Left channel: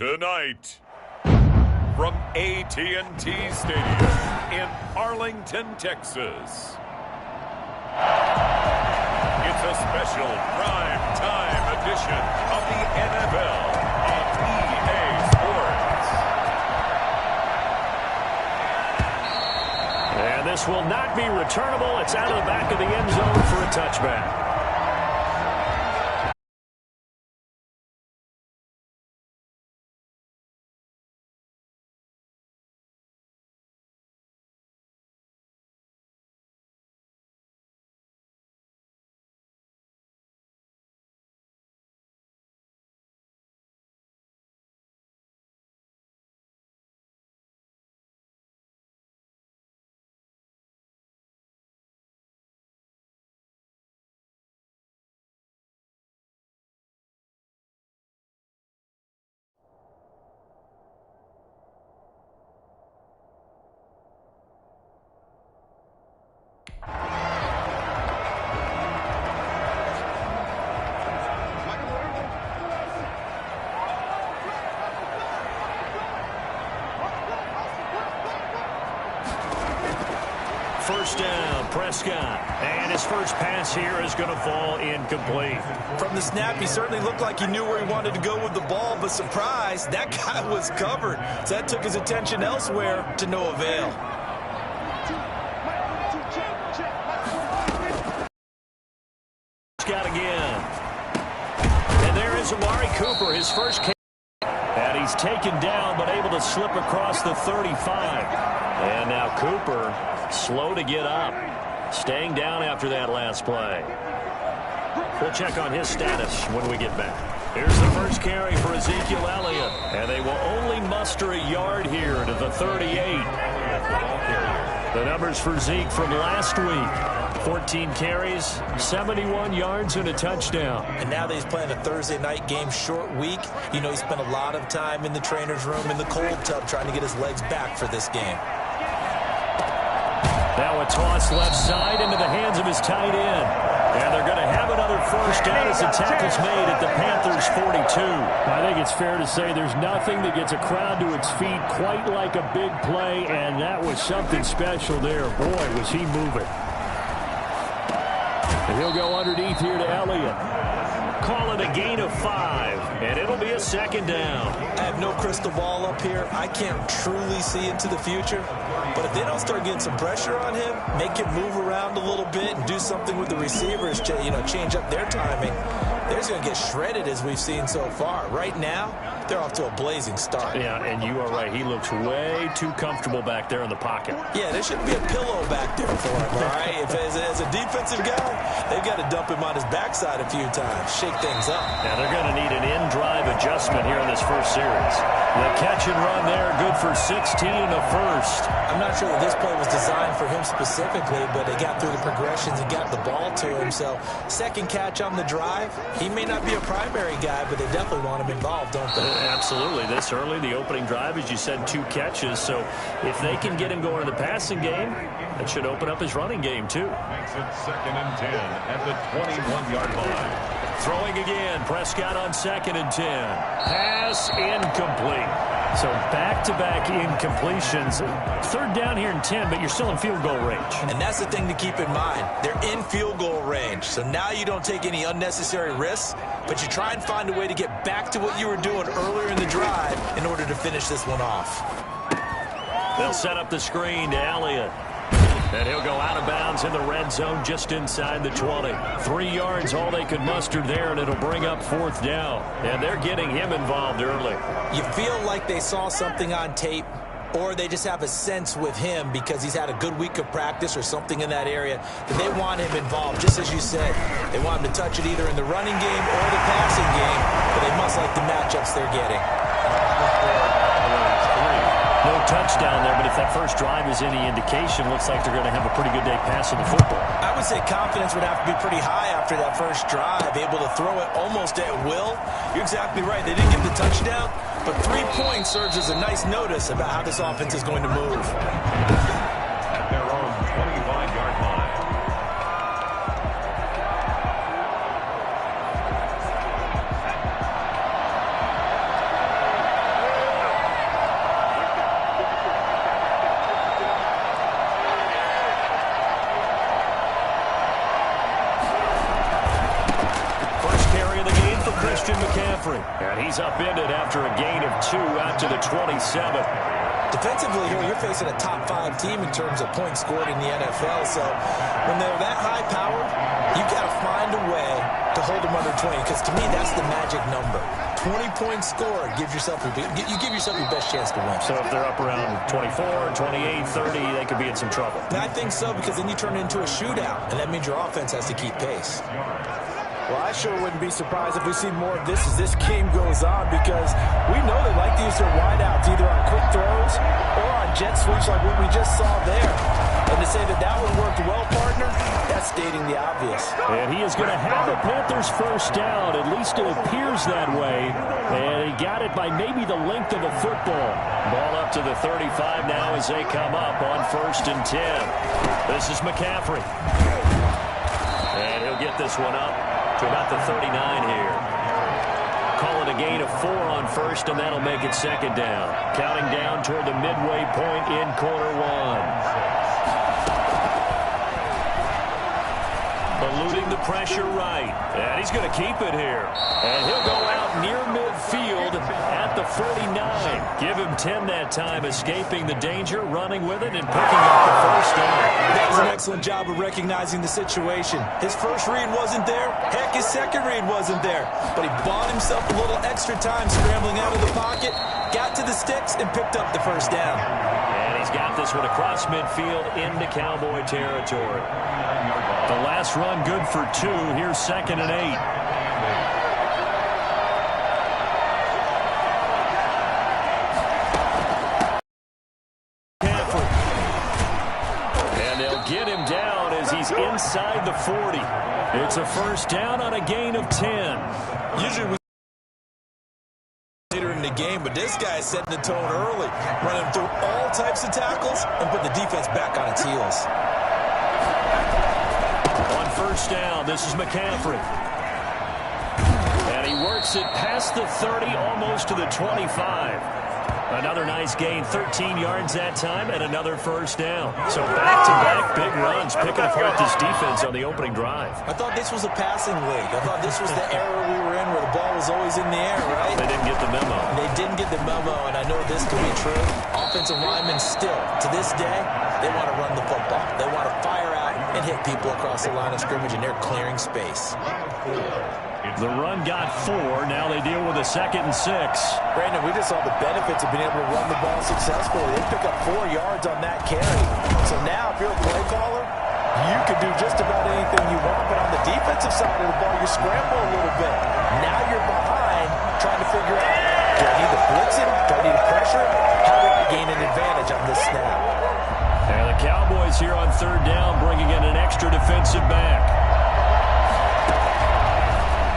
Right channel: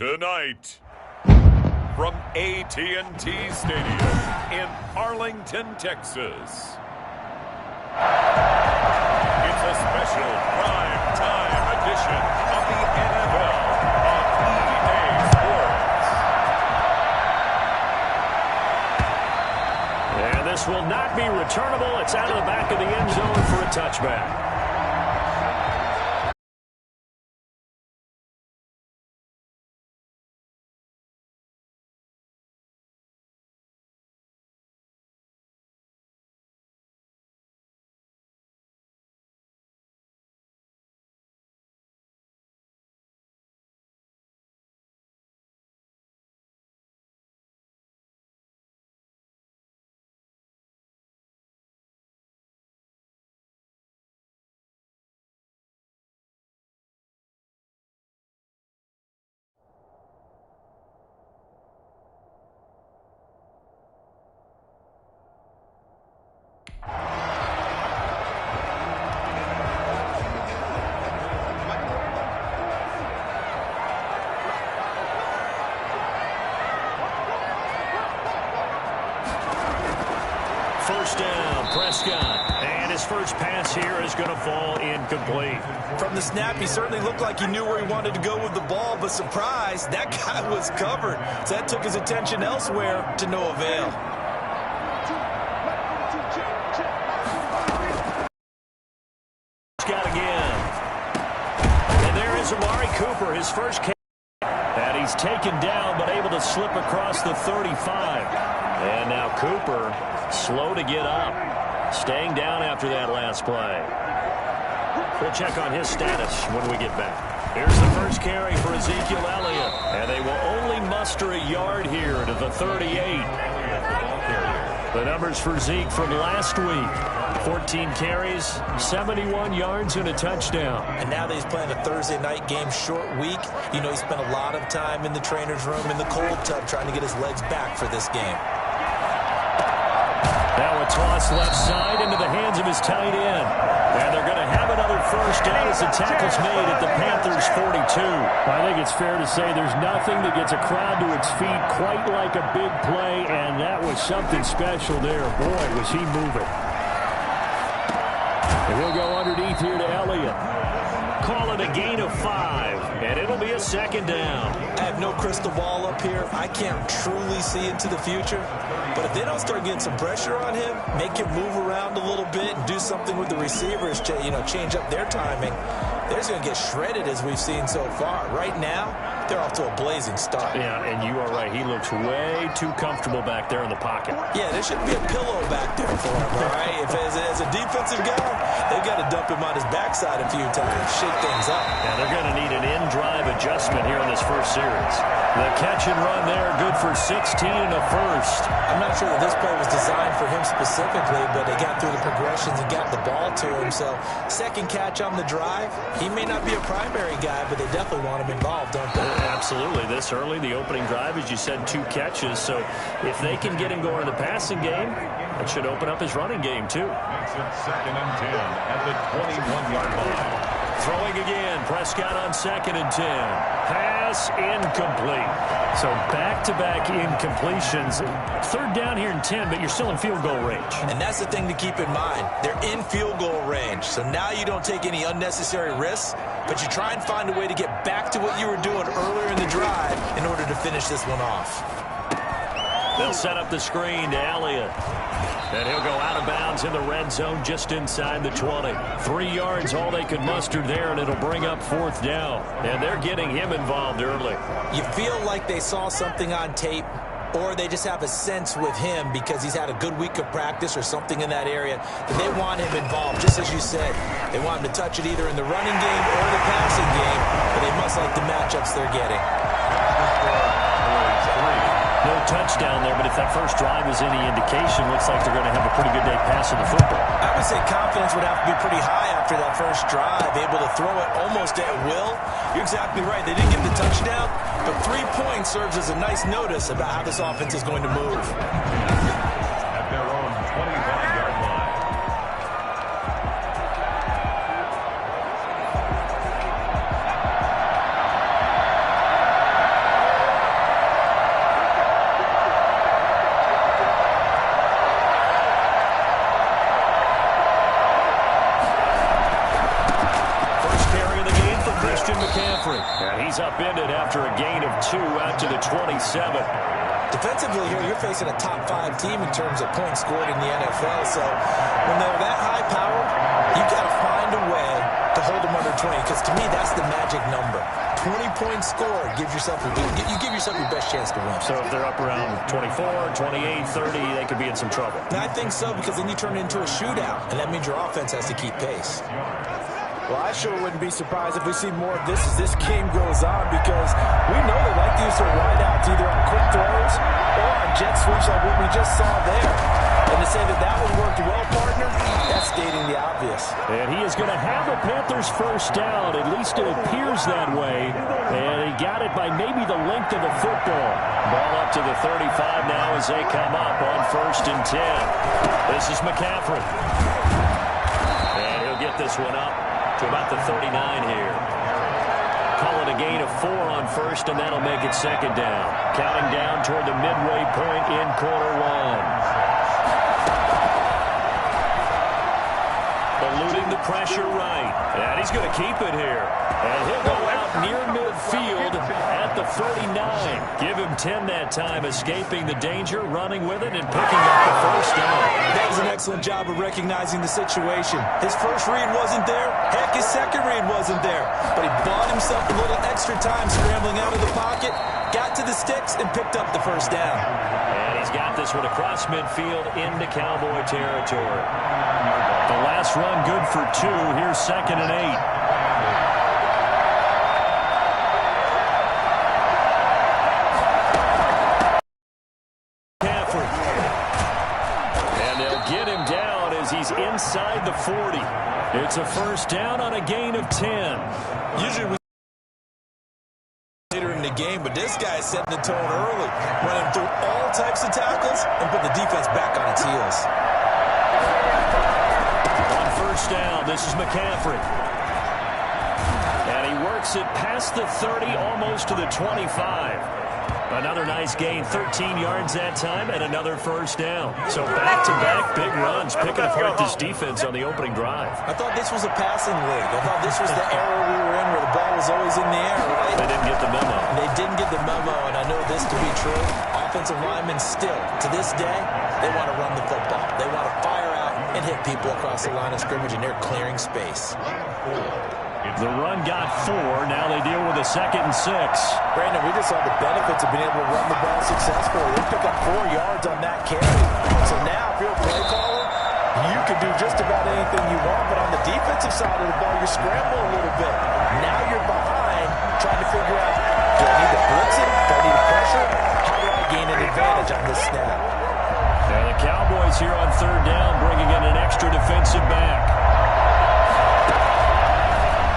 Tonight, from AT&T Stadium in Arlington, Texas, it's a special prime time edition of the NFL on EA Sports. And this will not be returnable. It's out of the back of the end zone for a touchback. First down, Prescott. And his first pass here is going to fall incomplete. From the snap, he certainly looked like he knew where he wanted to go with the ball, but surprise, that guy was covered. So that took his attention elsewhere to no avail. Prescott again. And there is Amari Cooper, his first catch. And he's taken down, but able to slip across the 35. And now Cooper, slow to get up. Staying down after that last play. We'll check on his status when we get back. Here's the first carry for Ezekiel Elliott. And they will only muster a yard here to the 38. The numbers for Zeke from last week. 14 carries, 71 yards, and a touchdown. And now that he's playing a Thursday night game, short week, you know he spent a lot of time in the trainer's room, in the cold tub, trying to get his legs back for this game. Now a toss left side into the hands of his tight end. And they're going to have another first down as the tackle's made at the Panthers' 42. I think it's fair to say there's nothing that gets a crowd to its feet quite like a big play, and that was something special there. Boy, was he moving. And he'll go underneath here to Elliott. Call it a gain of 5, and it'll be a second down. I have no crystal ball up here. I can't truly see into the future. But if they don't start getting some pressure on him, make him move around a little bit and do something with the receivers, change up their timing, they're just going to get shredded as we've seen so far. Right now, they're off to a blazing start. Yeah, and you are right. He looks way too comfortable back there in the pocket. Yeah, there shouldn't be a pillow back there for him, all right? If as a defensive guy, they've got to dump him on his backside a few times, shake things up. Now, they're going to need an in-drive adjustment here in this first series. The catch and run there, good for 16 and a first. I'm not sure that this play was designed for him specifically, but they got through the progressions and got the ball to him. So, second catch on the drive. He may not be a primary guy, but they definitely want him involved, don't they? Absolutely. This early, the opening drive, as you said, 2 catches. So, if they can get him going in the passing game, that should open up his running game, too. Makes it 2nd and 10 at the 21-yard line. Throwing again, Prescott on 2nd and 10. Pass incomplete. So back-to-back incompletions. 3rd down here and 10, but you're still in field goal range. And that's the thing to keep in mind. They're in field goal range. So now you don't take any unnecessary risks, but you try and find a way to get back to what you were doing earlier in the drive in order to finish this one off. They'll set up the screen to Elliott. And he'll go out of bounds in the red zone just inside the 20. 3 yards, all they could muster there, and it'll bring up 4th down. And they're getting him involved early. You feel like they saw something on tape, or they just have a sense with him because he's had a good week of practice or something in that area that they want him involved, just as you said. They want him to touch it either in the running game or the passing game, but they must like the matchups they're getting. No touchdown there, but if that first drive is any indication, looks like they're going to have a pretty good day passing the football. I would say confidence would have to be pretty high after that first drive, able to throw it almost at will. You're exactly right. They didn't get the touchdown, but 3 points serves as a nice notice about how this offense is going to move. At their own 25-yard line. McCaffrey. And he's upended after a gain of 2 out to the 27. Defensively here, you're facing a top-5 team in terms of points scored in the NFL. So when they're that high-powered, you've got to find a way to hold them under 20. Because to me, that's the magic number. 20 points scored gives yourself you give yourself your best chance to win. So if they're up around 24, 28, 30, they could be in some trouble. And I think so, because then you turn it into a shootout, and that means your offense has to keep pace. Well, I sure wouldn't be surprised if we see more of this as this game goes on, because we know they like to use their wideouts either on quick throws or on jet sweeps like what we just saw there. And to say that that one worked well, partner, that's stating the obvious. And he is going to have the Panthers first down. At least it appears that way. And he got it by maybe the length of a football. Ball up to the 35 now as they come up on 1st and 10. This is McCaffrey. And he'll get this one up to about the 39 here. Call it a gain of 4 on 1st, and that'll make it 2nd down. Counting down toward the midway point in quarter 1. Eluding the pressure right. And he's going to keep it here. And he'll go out near midfield at the 39. Give him 10 that time, escaping the danger, running with it, and picking up the first down. That was an excellent job of recognizing the situation. His first read wasn't there. Heck, his second read wasn't there. But he bought himself a little extra time scrambling out of the pocket, got to the sticks, and picked up the first down. And he's got this one across midfield into Cowboy territory. The last run good for 2. Here's 2nd and 8. McCaffrey. And they'll get him down as he's inside the 40. It's a first down on a gain of 10. Usually we later in the game, but this guy is setting the tone early, running through all types of tackles and putting the defense back on its heels. On 1st down, this is McCaffrey. And he works it past the 30, almost to the 25. Another nice gain, 13 yards that time, and another first down. So back-to-back big runs, picking apart this defense on the opening drive. I thought this was a passing league. I thought this was the era we were in where the ball was always in the air, right? They didn't get the memo. They didn't get the memo, and I know this to be true. Offensive linemen still, to this day, they want to run the football. They want to fire out and hit people across the line of scrimmage, and they're clearing space. The run got 4. Now they deal with a 2nd and 6. Brandon, we just saw the benefits of being able to run the ball successfully. They pick up 4 yards on that carry. So now, if you're a play caller, you can do just about anything you want. But on the defensive side of the ball, you scramble a little bit. Now you're behind, trying to figure out, do I need to blitz him? Do I need to pressure him? How do I gain an advantage on this snap? And the Cowboys here on 3rd down, bringing in an extra defensive back.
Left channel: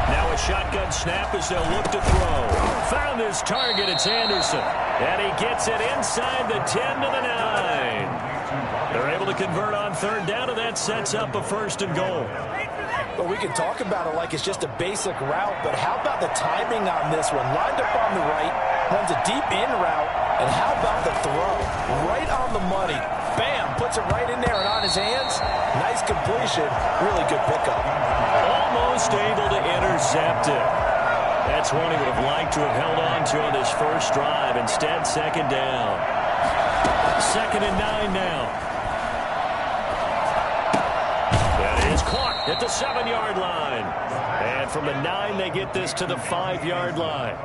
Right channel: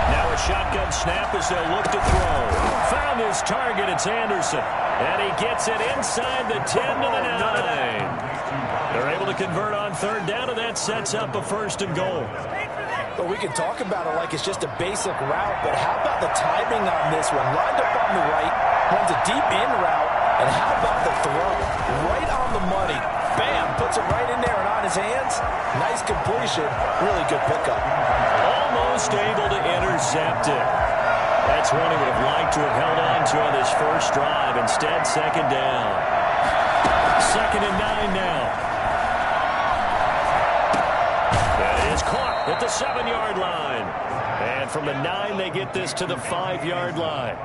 Now a shotgun snap as they'll look to throw. Found his target, it's Anderson. And he gets it inside the 10 to the 9. They're able to convert on 3rd down, and that sets up a 1st and goal. But we can talk about it like it's just a basic route, but how about the timing on this one? Lined up on the right, runs a deep in route, and how about the throw? Right on the money. Bam, puts it right in there and on his hands. Nice completion, really good pickup. Almost able to intercept it. That's one he would have liked to have held on to on this first drive. Instead, 2nd down. 2nd and 9 now. That is caught at the 7-yard line. And from the 9, they get this to the 5-yard line.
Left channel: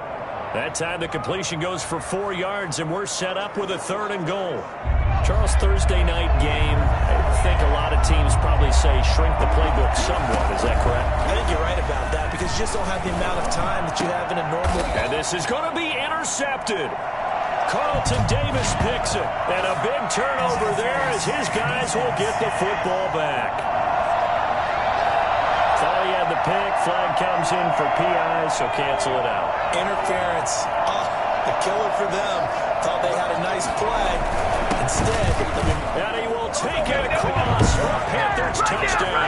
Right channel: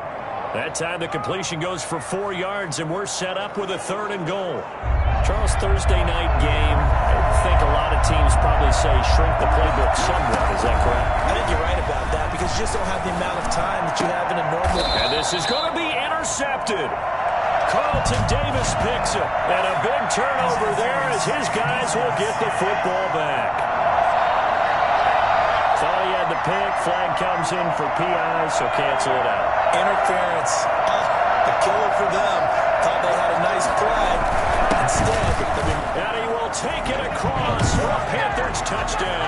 That time the completion goes for 4 yards, and we're set up with a 3rd and goal. Charles, Thursday night game, I think a lot of teams probably say shrink the playbook somewhat. Is that correct? I think you're right about that, because you just don't have the amount of time that you have in a normal. And this is going to be intercepted. Carlton Davis picks it. And a big turnover there as his guys will get the football back. Thought he had the pick. Flag comes in for PI, so cancel it out. Interference. A killer for them. Thought they had a nice play. Instead, and he will take it across for a Panthers touchdown.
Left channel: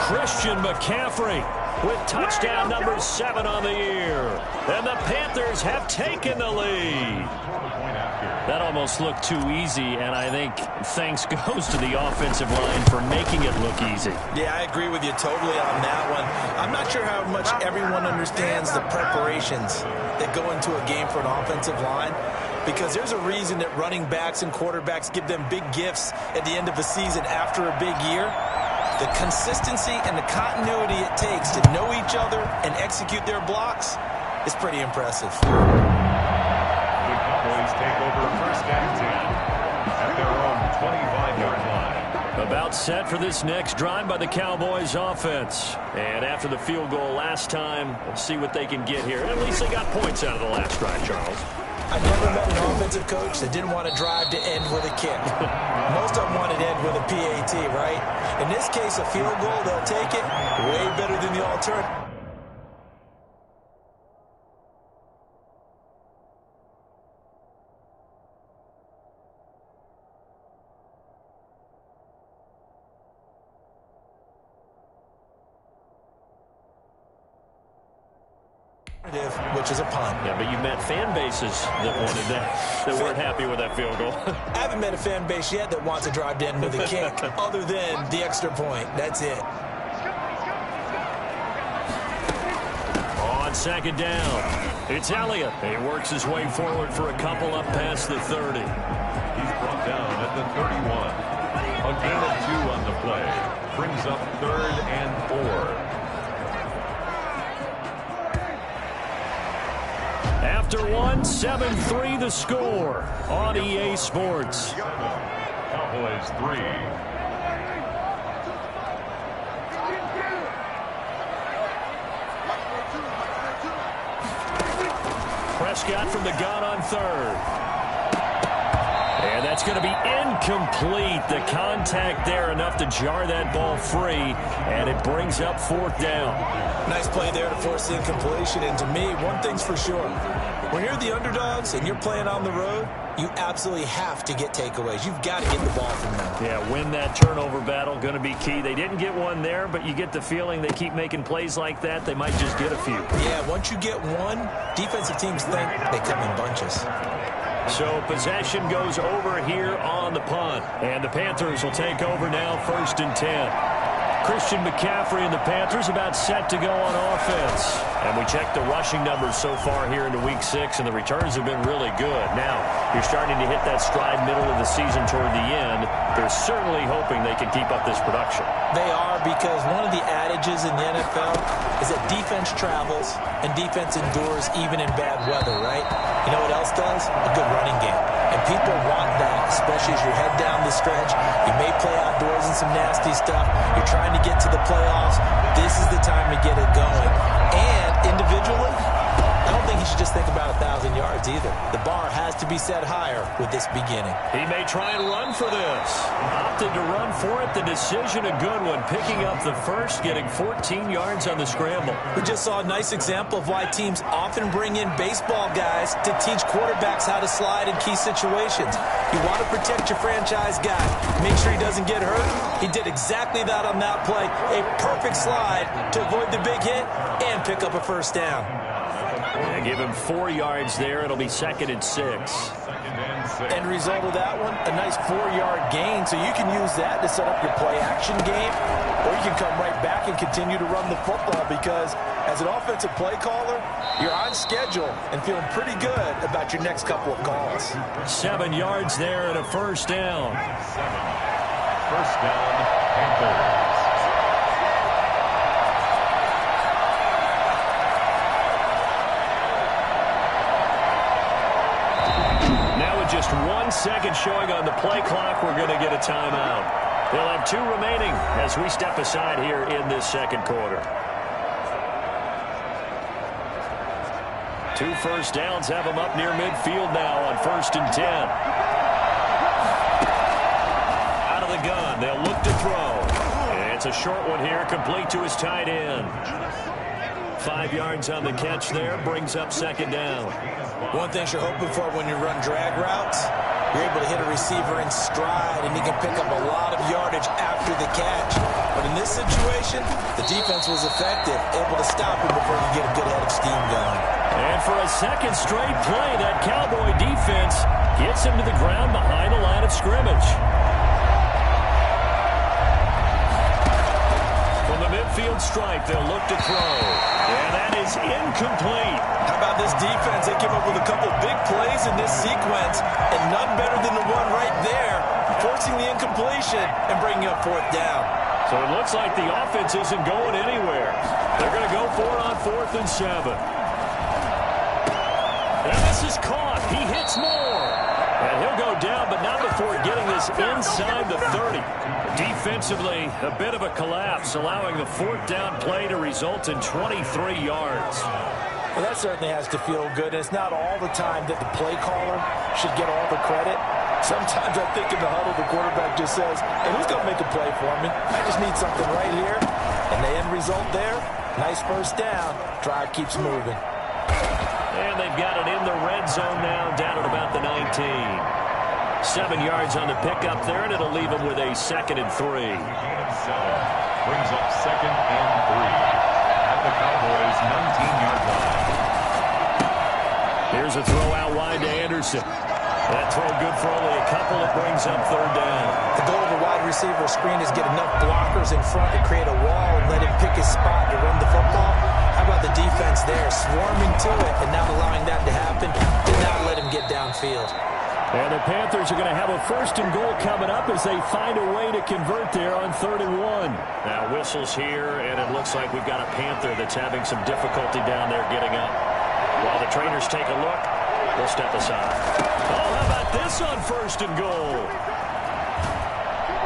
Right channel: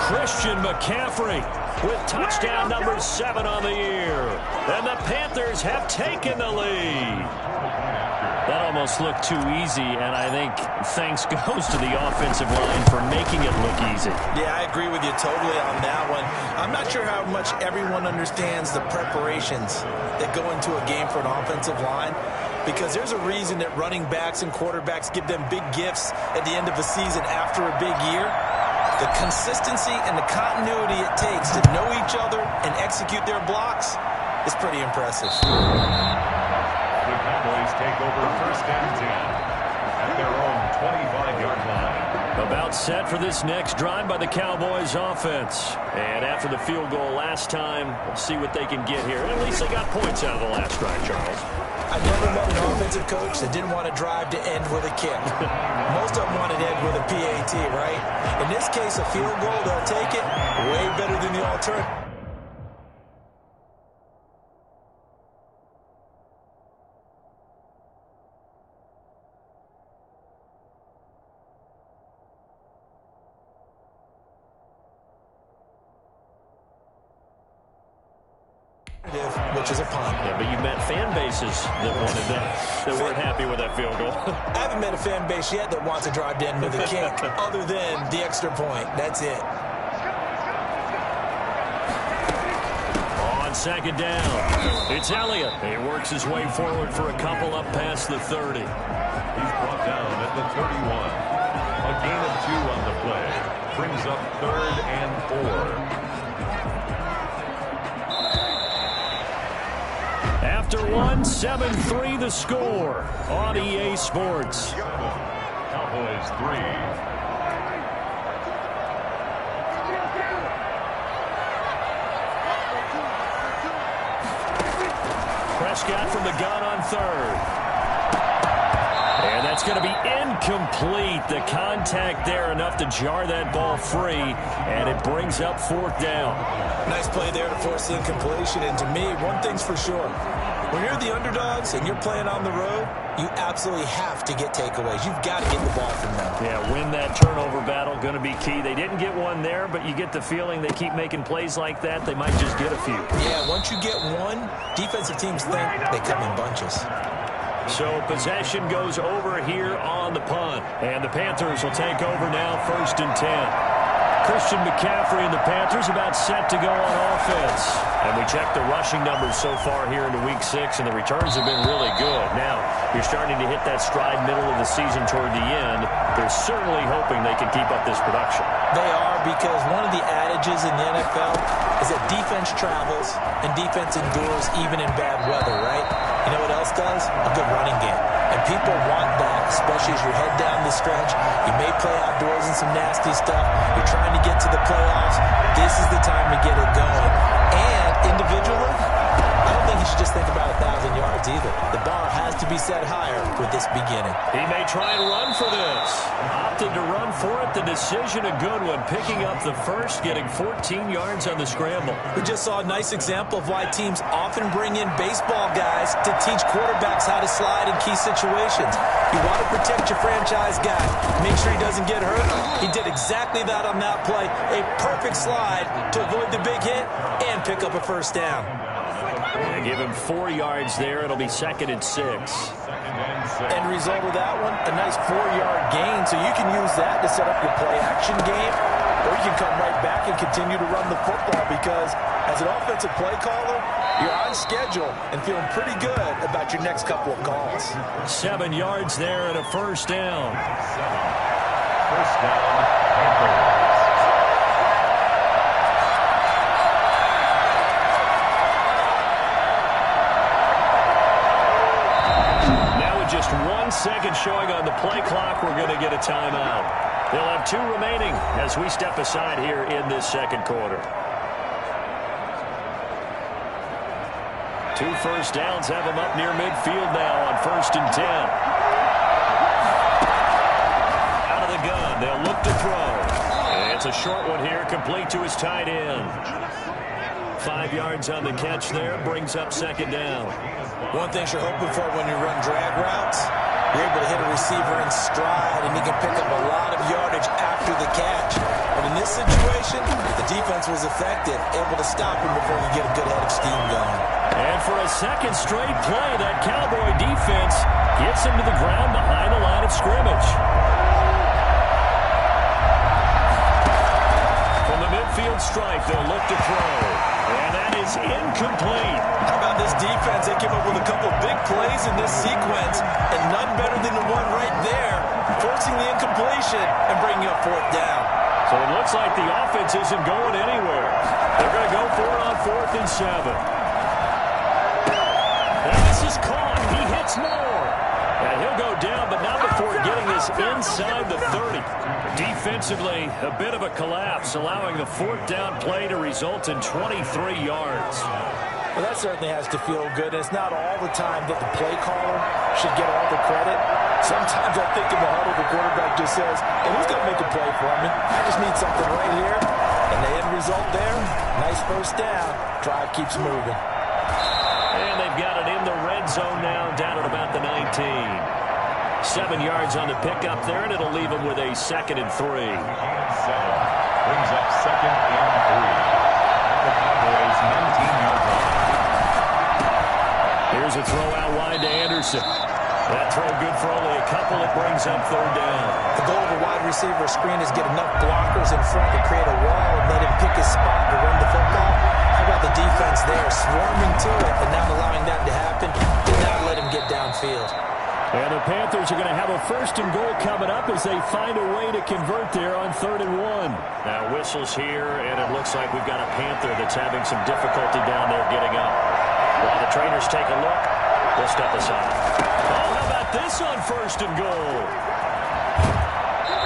Christian McCaffrey with touchdown number 7 on the year. And the Panthers have taken the lead. That almost looked too easy, and I think thanks goes to the offensive line for making it look easy. Yeah, I agree with you totally on that one. I'm not sure how much everyone understands the preparations that go into a game for an offensive line, because there's a reason that running backs and quarterbacks give them big gifts at the end of a season after a big year. The consistency and the continuity it takes to know each other and execute their blocks is pretty impressive. The Cowboys take over 1st and 10 at their own 25-yard line. About set for this next drive by the Cowboys offense. And after the field goal last time, we'll see what they can get here. At least they got points out of the last drive, Charles. I've never met an offensive coach that didn't want to drive to end with a kick. Most of them wanted to end with a PAT, right? In this case, a field goal, they'll take it. Way better than the alternative. Which is a punt. Yeah, but you met fan bases that wanted that, that weren't happy with that field goal. I haven't met a fan base yet that wants to drive to end with a kick other than the extra point. That's it. On 2nd down, it's Elliott. He works his way forward for a couple up past the 30. He's brought down at the 31. A gain of 2 on the play. Brings up 3rd and 4. After 7-3 the score on EA Sports. Cowboys 3. Prescott from the gun on 3rd. And that's going to be incomplete. The contact there enough to jar that ball free, and it brings up 4th down. Nice play there to force the incompletion. And to me, one thing's for sure. When you're the underdogs and you're playing on the road, you absolutely have to get takeaways. You've got to get the ball from them. Yeah, win that turnover battle, going to be key. They didn't get one there, but you get the feeling they keep making plays like that, they might just get a few. Yeah, once you get one, defensive teams think they come in bunches. So possession goes over here on the punt. And the Panthers will take over now, 1st and 10. Christian McCaffrey and the Panthers about set to go on offense. And we checked the rushing numbers so far here into Week 6, and the returns have been really good. Now, you're starting to hit that stride middle of the season toward the end. They're certainly hoping they can keep up this production. They are, because one of the adages in the NFL is that defense travels and defense endures even in bad weather, right? You know what else does? A good running game. And people want that, especially as you head down the stretch. You may play outdoors in some nasty stuff. You're trying to get to the playoffs. This is the time to get it going. And individually, I don't think you should just think about 1,000 yards either. The bar has to be set higher with this beginning. He may try and run for this. Opted to run for it. The decision a good one. Picking up the first, getting 14 yards on the scramble. We just saw a nice example of why teams often bring in baseball guys to teach quarterbacks how to slide in key situations. You want to protect your franchise guy. Make sure he doesn't get hurt. He did exactly that on that play. A perfect slide to avoid the big hit and pick up a 1st down. And give him 4 yards there. It'll be 2nd and 6. End result of that one, a nice 4-yard gain. So you can use that to set up your play-action game, or you can come right back and continue to run the football, because as an offensive play caller, you're on schedule and feeling pretty good about your next couple of calls. 7 yards there and a 1st down. 1st down, Panthers. Just 1 second showing on the play clock, we're going to get a timeout. They'll have 2 remaining as we step aside here in this 2nd quarter. 2 first downs have them up near midfield now on 1st and 10. Out of the gun, they'll look to throw. And it's a short one here, complete to his tight end. 5 yards on the catch there, brings up 2nd down. One thing you're hoping for when you run drag routes You're able to hit a receiver in stride, and he can pick up a lot of yardage after the catch. But in this situation, the defense was effective, able to stop him before he could get a good head of steam going. And for a second straight play, that Cowboy defense gets him to the ground behind the line of scrimmage. From the midfield stripe, they'll look to throw. And that is incomplete. How about this defense? They came up with a couple big plays in this sequence, and none better than the one right there, forcing the incompletion and bringing up fourth down. So it looks like the offense isn't going anywhere. They're going to go for it on 4th and 7. And this is caught. He hits more. And he'll go down, but not before getting this inside the 30. Defensively, a bit of a collapse, allowing the 4th down play to result in 23 yards. Well, that certainly has to feel good. It's not all the time that the play caller should get all the credit. Sometimes I think in the huddle, the quarterback just says, hey, who's going to make a play for me? I just need something right here. And the end result there, nice first down. Drive keeps moving. And they've got it in the red zone now, down at about the 19. 7 yards on the pickup there, and it'll leave them with a 2nd and 3. Brings up 2nd and 3 at the Cowboys' 19-yard line. Here's a throw out wide to Anderson. That throw good for only a couple. It brings up 3rd down. The goal of a wide receiver screen is get enough blockers in front to create a wall and let him pick his spot to run the football. How about the defense there, swarming to it and not allowing that to happen, did not let him get downfield. And the Panthers are going to have a 1st and goal coming up as they find a way to convert there on 3rd and 1. Now whistles here, and it looks like we've got a Panther that's having some difficulty down there getting up. While the trainers take a look, we'll step aside. Oh, how about this on 1st and goal?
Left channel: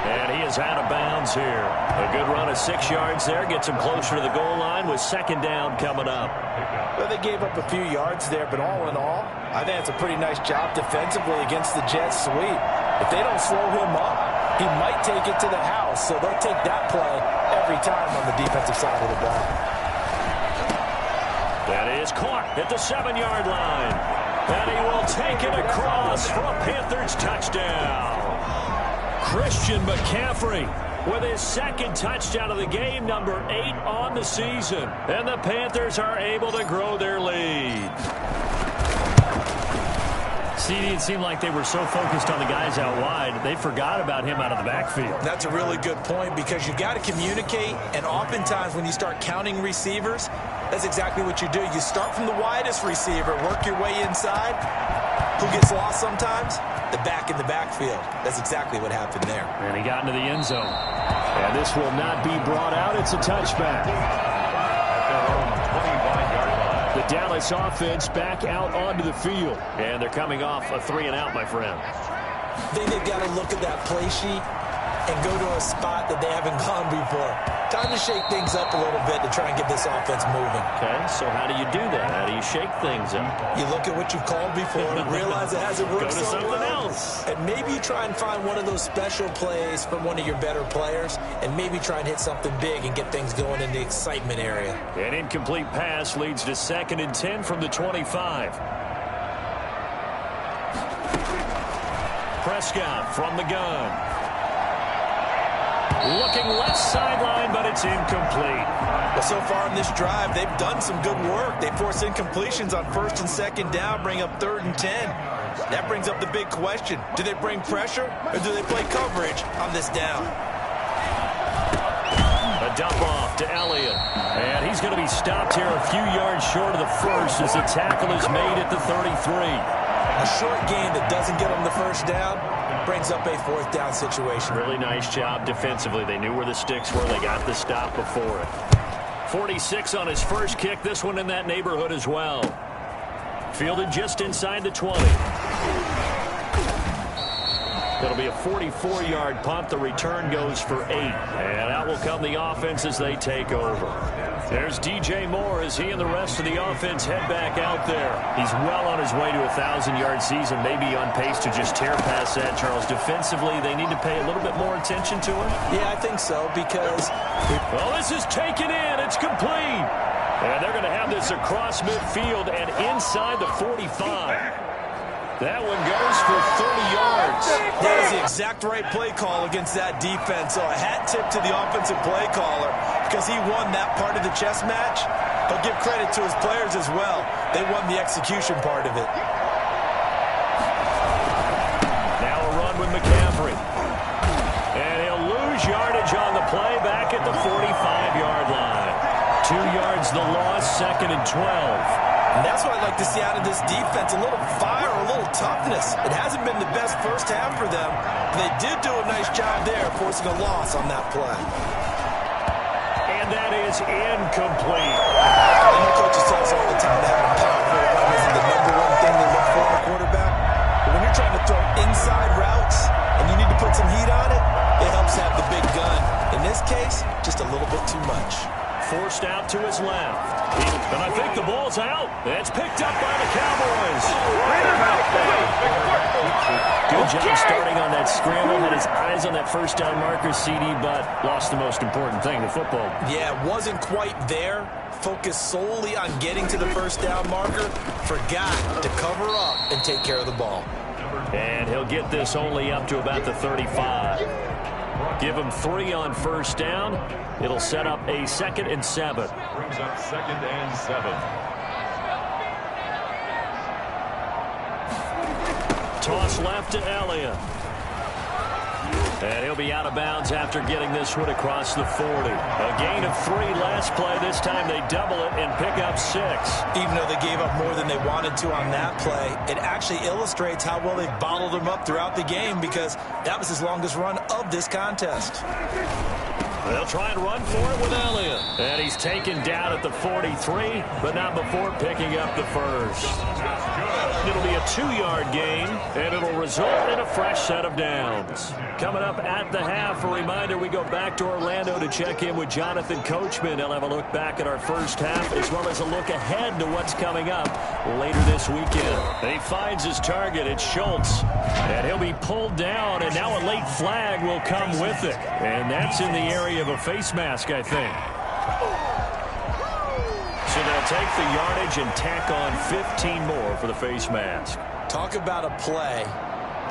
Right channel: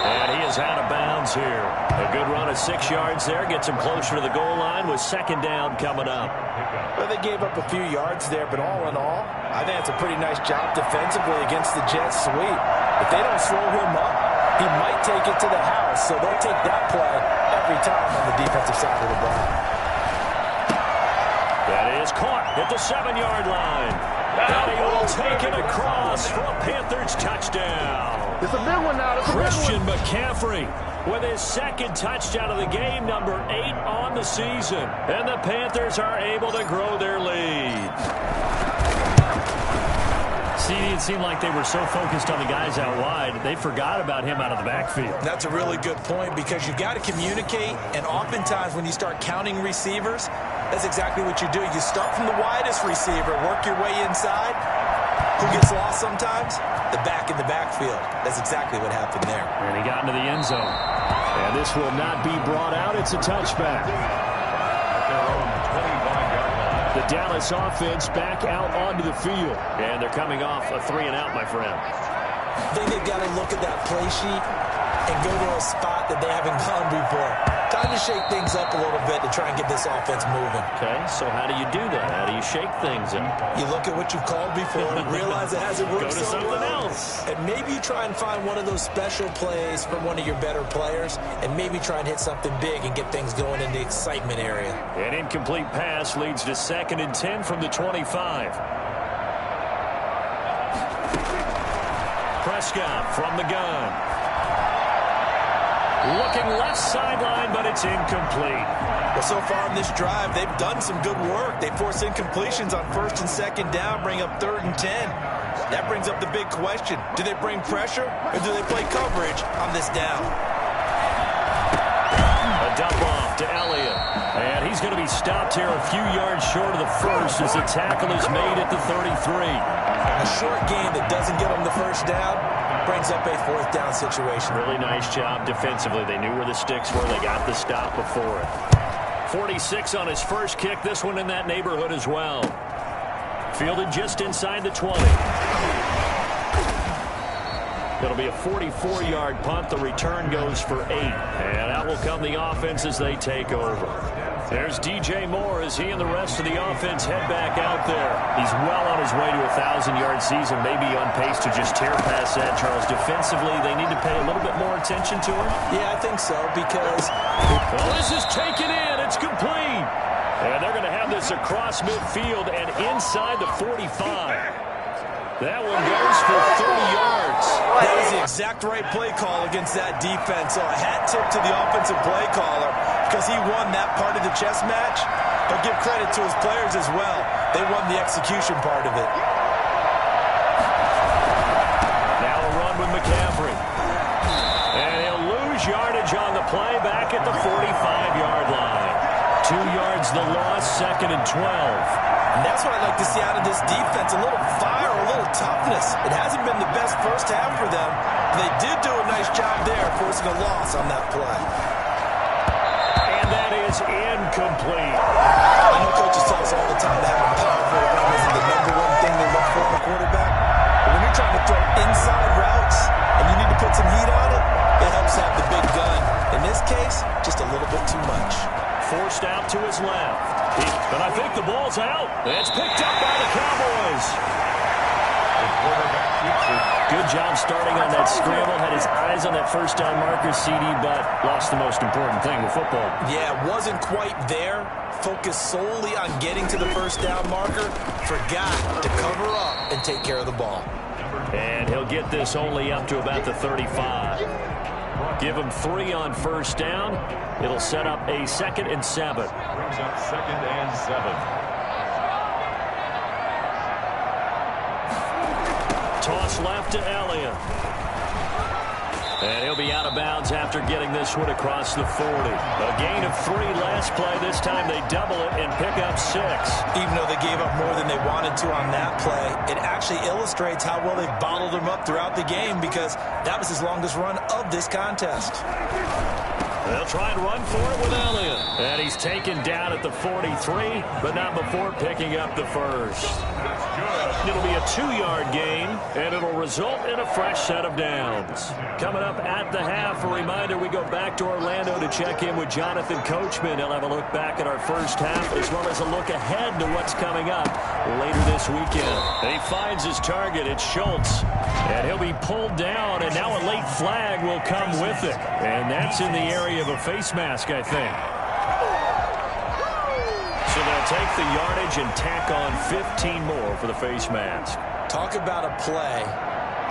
And he is out of bounds here. A good run of 6 yards there. Gets him closer to the goal line with 2nd down coming up. Well, they gave up a few yards there, but all in all, I think it's a pretty nice job defensively against the Jets sweep. If they don't slow him up, he might take it to the house, so they'll take that play every time on the defensive side of the ball. That is caught at the 7-yard line. And he will take it across for a Panthers touchdown. Christian McCaffrey with his 2nd touchdown of the game, number 8 on the season. And the Panthers are able to grow their lead. CD, it seemed like they were so focused on the guys out wide, they forgot about him out of the backfield. That's a really good point because you've got to communicate, and oftentimes when you start counting receivers, that's exactly what you do. You start from the widest receiver, work your way inside. Who gets lost sometimes? The back in the backfield. That's exactly what happened there. And he got into the end zone. And this will not be brought out. It's a touchback. At their own 25-yard line. The Dallas offense back out onto the field. And they're coming off a 3-and-out, my friend. I think they've got to look at that play sheet and go to a spot that they haven't gone before. Time to shake things up a little bit to try and get this offense moving. Okay, so how do you do that? How do you shake things up? You look at what you've called before and realize it hasn't worked Go to so something well. else. And maybe you try and find one of those special plays from one of your better players and maybe try and hit something big and get things going in the excitement area. An incomplete pass leads to 2nd and 10 from the 25. Prescott from the gun. Looking left sideline, but it's incomplete. Well, so far in this drive, they've done some good work. They force incompletions on 1st and 2nd down, bring up 3rd and 10. That brings up the big question. Do they bring pressure or do they play coverage on this down? A dump off to Elliott. And he's going to be stopped here a few yards short of the first as the tackle is made at the 33. A short game that doesn't get them the first down brings up a 4th down situation. Really nice job defensively. They knew where the sticks were. They got the stop before it. 46 on his first kick. This one in that neighborhood as well. Fielded just inside the 20. It'll be a 44-yard punt. The return goes for 8. And out will come the offense as they take over. There's DJ Moore as he and the rest of the offense head back out there. He's well on his way to a 1,000-yard season, maybe on pace to just tear past that, Charles. Defensively, they need to pay a little bit more attention to him. Yeah, I think so because... Oh, this is taken in. It's complete. And they're going to have this across midfield and inside the 45. That one goes for 30 yards. That is the exact right play call against that defense. So a hat tip to the offensive play caller because he won that part of the chess match. But give credit to his players as well. They won the execution part of it. Now a run with McCaffrey. And he'll lose yardage on the play back at the 45-yard line. 2 yards the loss, 2nd and 12. And that's what I'd like to see out of this defense, a little fire, a little toughness. It hasn't been the best first half for them. They did do a nice job there, forcing a loss on that play. And that is incomplete. I know coaches tell us all the time that having powerful run isn't the #1 thing they look for in a quarterback. But when you're trying to throw inside routes and you need to put some heat on it, it helps have the big gun. In this case, just a little bit too much. Forced out to his left. And I think the ball's out. It's picked up by the Cowboys. Good job starting on that scramble. Had his eyes on that first down marker, CD, but lost the most important thing, the football. Yeah, wasn't quite there. Focused solely on getting to the first down marker. Forgot to cover up and take care of the ball. And he'll get this only up to about the 35. Give him 3 on first down. It'll set up a 2nd and 7. Brings up 2nd and 7. Toss left to Elliott. And he'll be out of bounds after getting this one across the 40. A gain of 3 last play. This time they double it and pick up 6. Even though they gave up more than they wanted to on that play, it actually illustrates how well they've bottled them up throughout the game because that was his longest run of this contest. They'll try and run for it with Elliott. And he's taken down at the 43, but not before picking up the first. It'll be a 2-yard gain, and it'll result in a fresh set of downs. Coming up at the half, a reminder, we go back to Orlando to check in with Jonathan Coachman. He'll have a look back at our first half, as well as a look ahead to what's coming up later this weekend. He finds his target. It's Schultz. And he'll be pulled down, and now a late flag will come with it. And that's in the area of a face mask, I think. So they'll take the yardage and tack on 15 more for the face mask. Talk about a play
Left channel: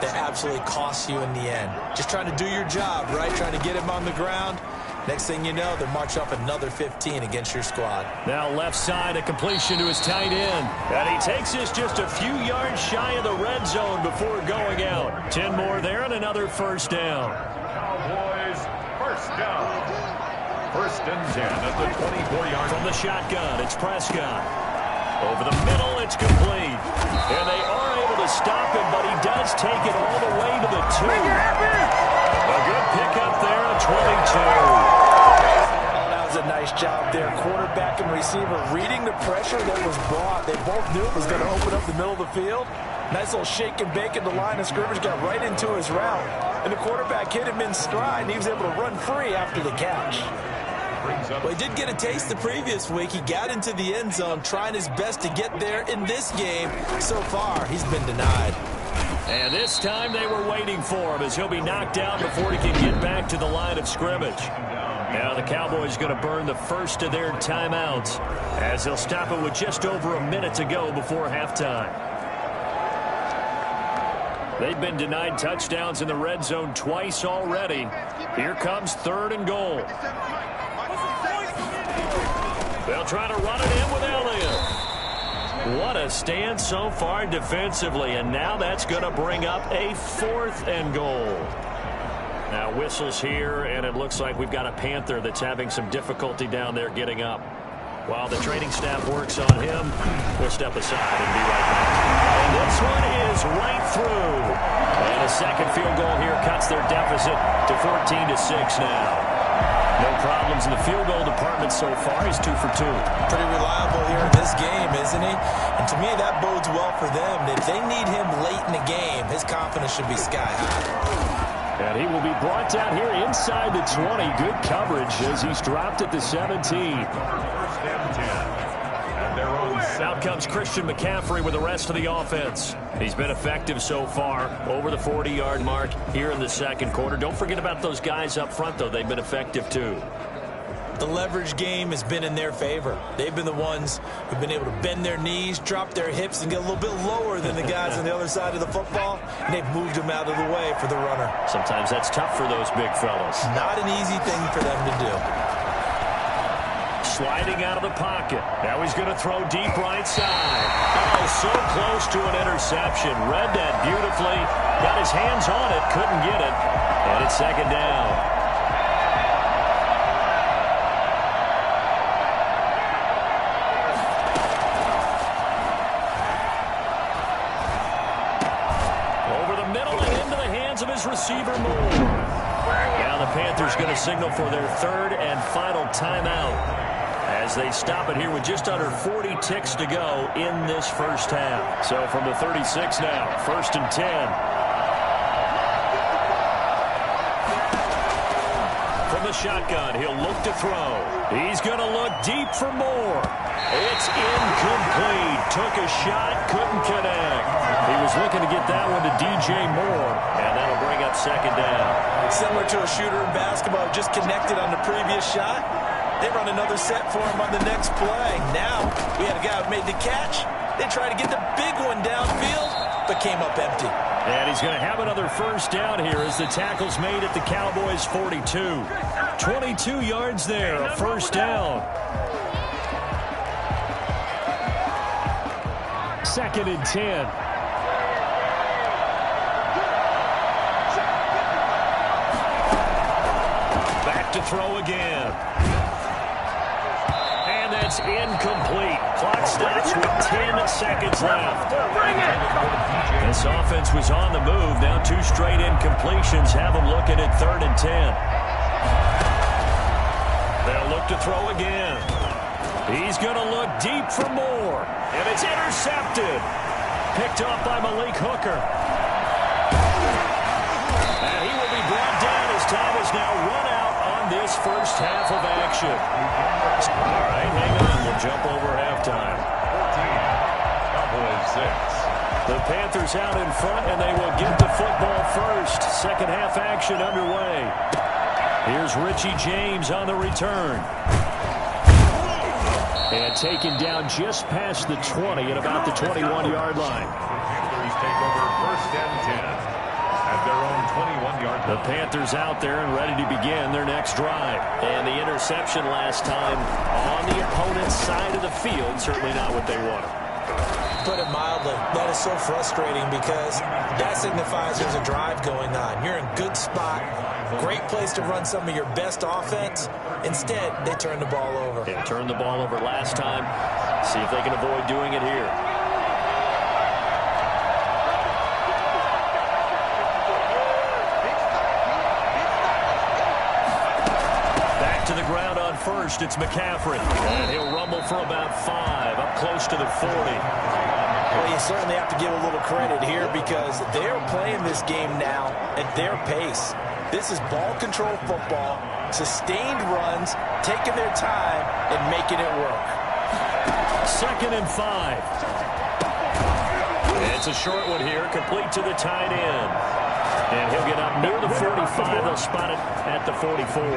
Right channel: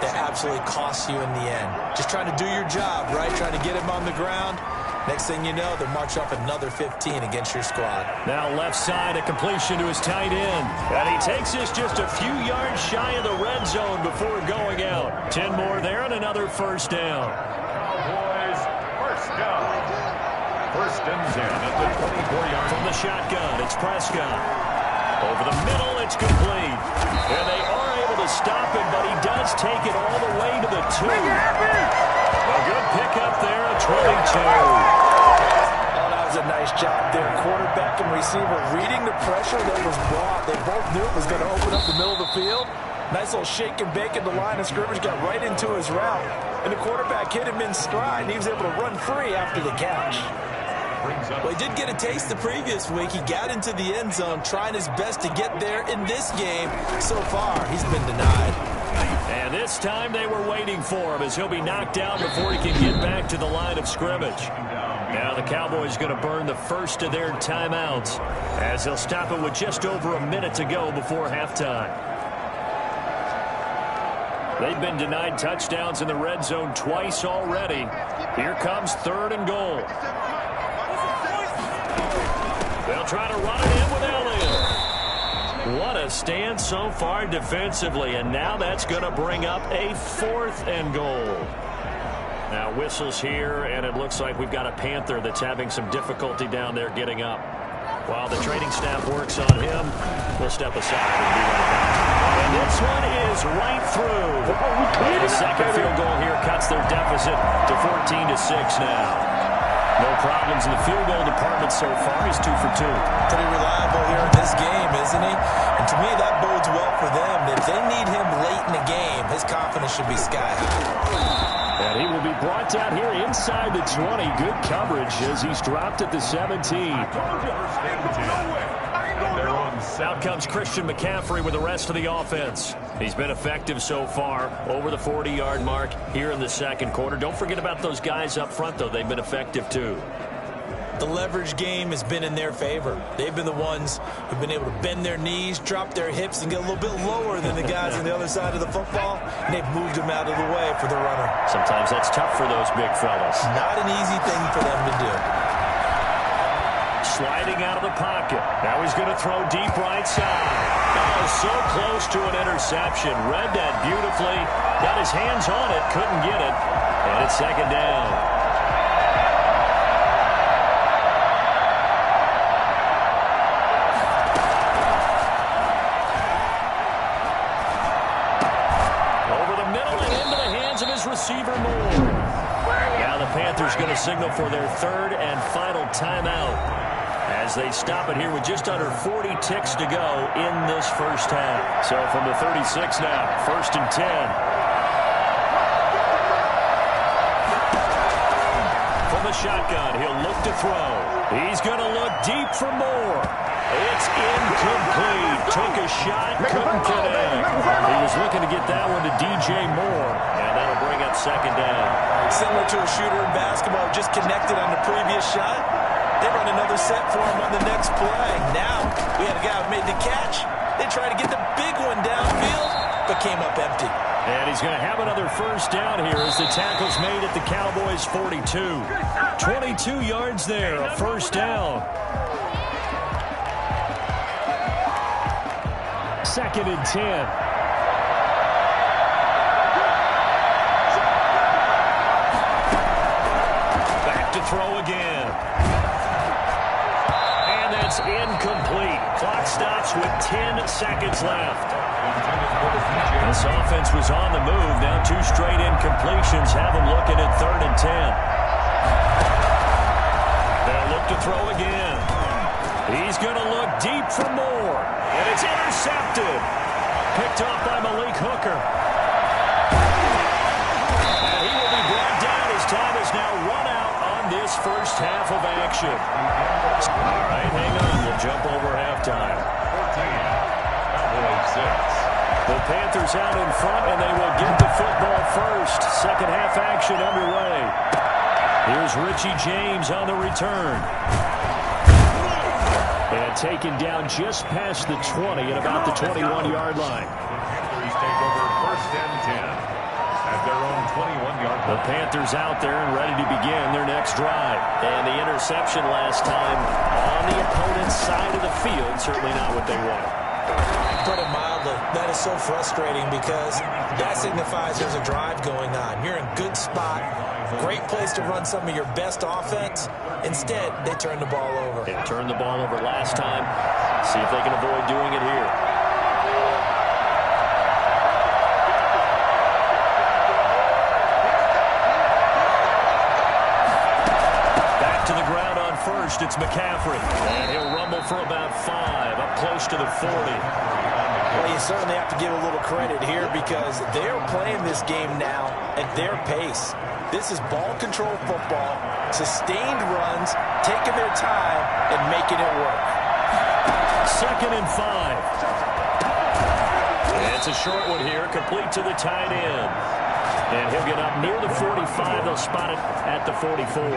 that absolutely costs you in the end. Just trying to do your job, right? Trying to get him on the ground. Next thing you know, they march up another 15 against your squad. Now left side, a completion to his tight end. And he takes this just a few yards shy of the red zone before going out. 10 more there and another first down. Cowboys, first down. 1st and 10 at the 24-yard. From the shotgun, it's Prescott. Over the middle, it's complete. And they are able to stop him, but he does take it all the way to the 2. A good pickup there at 22. Oh, that was a nice job there. Quarterback and receiver reading the pressure that was brought. They both knew it was going to open up the middle of the field. Nice little shake and bake at the line of scrimmage, got right into his route. And the quarterback hit him in stride, and he was able to run free after the catch. Well, he did get a taste the previous week. He got into the end zone, trying his best to get there in this game. So far, he's been denied. And this time they were waiting for him as he'll be knocked down before he can get back to the line of scrimmage. Now the Cowboys going to burn the first of their timeouts as they'll stop it with just over a minute to go before halftime. They've been denied touchdowns in the red zone twice already. Here comes 3rd and goal. They'll try to run it in with Elliott. What a stand so far defensively, and now that's going to bring up a 4th and goal. Now whistles here, and it looks like we've got a Panther that's having some difficulty down there getting up. While the training staff works on him, we'll step aside and be right back. And this one is right through. And a second field goal here cuts their deficit to 14-6 now. No problems in the field goal department so far. He's 2 for 2. Pretty reliable here in this game, isn't he? And to me, that bodes well for them. If they need him late in the game, his confidence should be sky high. And he will be brought down here inside the 20. Good coverage as he's dropped at the 17. 1st and 10. And they're on 7. Out comes Christian McCaffrey with the rest of the offense. He's been effective so far, over the 40-yard mark here in the second quarter. Don't forget about those guys up front, though. They've been effective, too. The leverage game has been in their favor. They've been the ones who've been able to bend their knees, drop their hips, and get a little bit lower than the guys on the other side of the football, and they've moved them out of the way for the runner. Sometimes that's tough for those big fellas. Not an easy thing for them to do. Sliding out of the pocket. Now he's going to throw deep right side. Oh, so close to an interception. Read that beautifully. Got his hands on it. Couldn't get it. And it's second down. Of his receiver Moore. Now the Panthers going to signal for their third and final timeout as they stop it here with just under 40 ticks to go in this first half. So from the 36 now, 1st and 10. From the shotgun, he'll look to throw. He's going to look deep for Moore. It's incomplete. Took a shot, couldn't connect. He was looking to get that one to DJ Moore, and that'll bring up second down. Similar to a shooter in basketball, just connected on the previous shot. They run another set for him on the next play. Now, we had a guy who made the catch. They tried to get the big one downfield, but came up empty. And he's going to have another first down here as the tackle's made at the Cowboys' 42. 22 yards there, a first down. 2nd and 10. Back to throw again. And that's incomplete. Clock stops with 10 seconds left. This offense was on the move. Now 2 straight incompletions have them looking at 3rd and 10. They'll look to throw again. He's going to look deep for Moore. And it's intercepted. Picked off by Malik Hooker. And he will be brought down. His time is now run out on this first half of action. All right, hang on. We'll jump over halftime. 14, Cowboys 6. The Panthers out in front, and they will get the football first. Second half action underway. Here's Richie James on the return. And taken down just past the 20 at about the 21-yard line. Panthers take over 1st and 10 at their own 21-yard line. The Panthers out there and ready to begin their next drive. And the interception last time on the opponent's side of the field, certainly not what they wanted. Put it mildly, that is so frustrating because that signifies there's a drive going on. You're in a good spot, great place to run some of your best offense. Instead, they turn the ball over. They turned the ball over last time. See if they can avoid doing it here. Back to the ground on first. It's McCaffrey. And he'll rumble for about 5, up close to the 40. Well, you certainly have to give a little credit here because they're playing this game now at their pace. This is ball control football, sustained runs, taking their time and making it work. 2nd and 5. It's a short one here, complete to the tight end. And he'll get up near the 45. They'll spot it at the 44.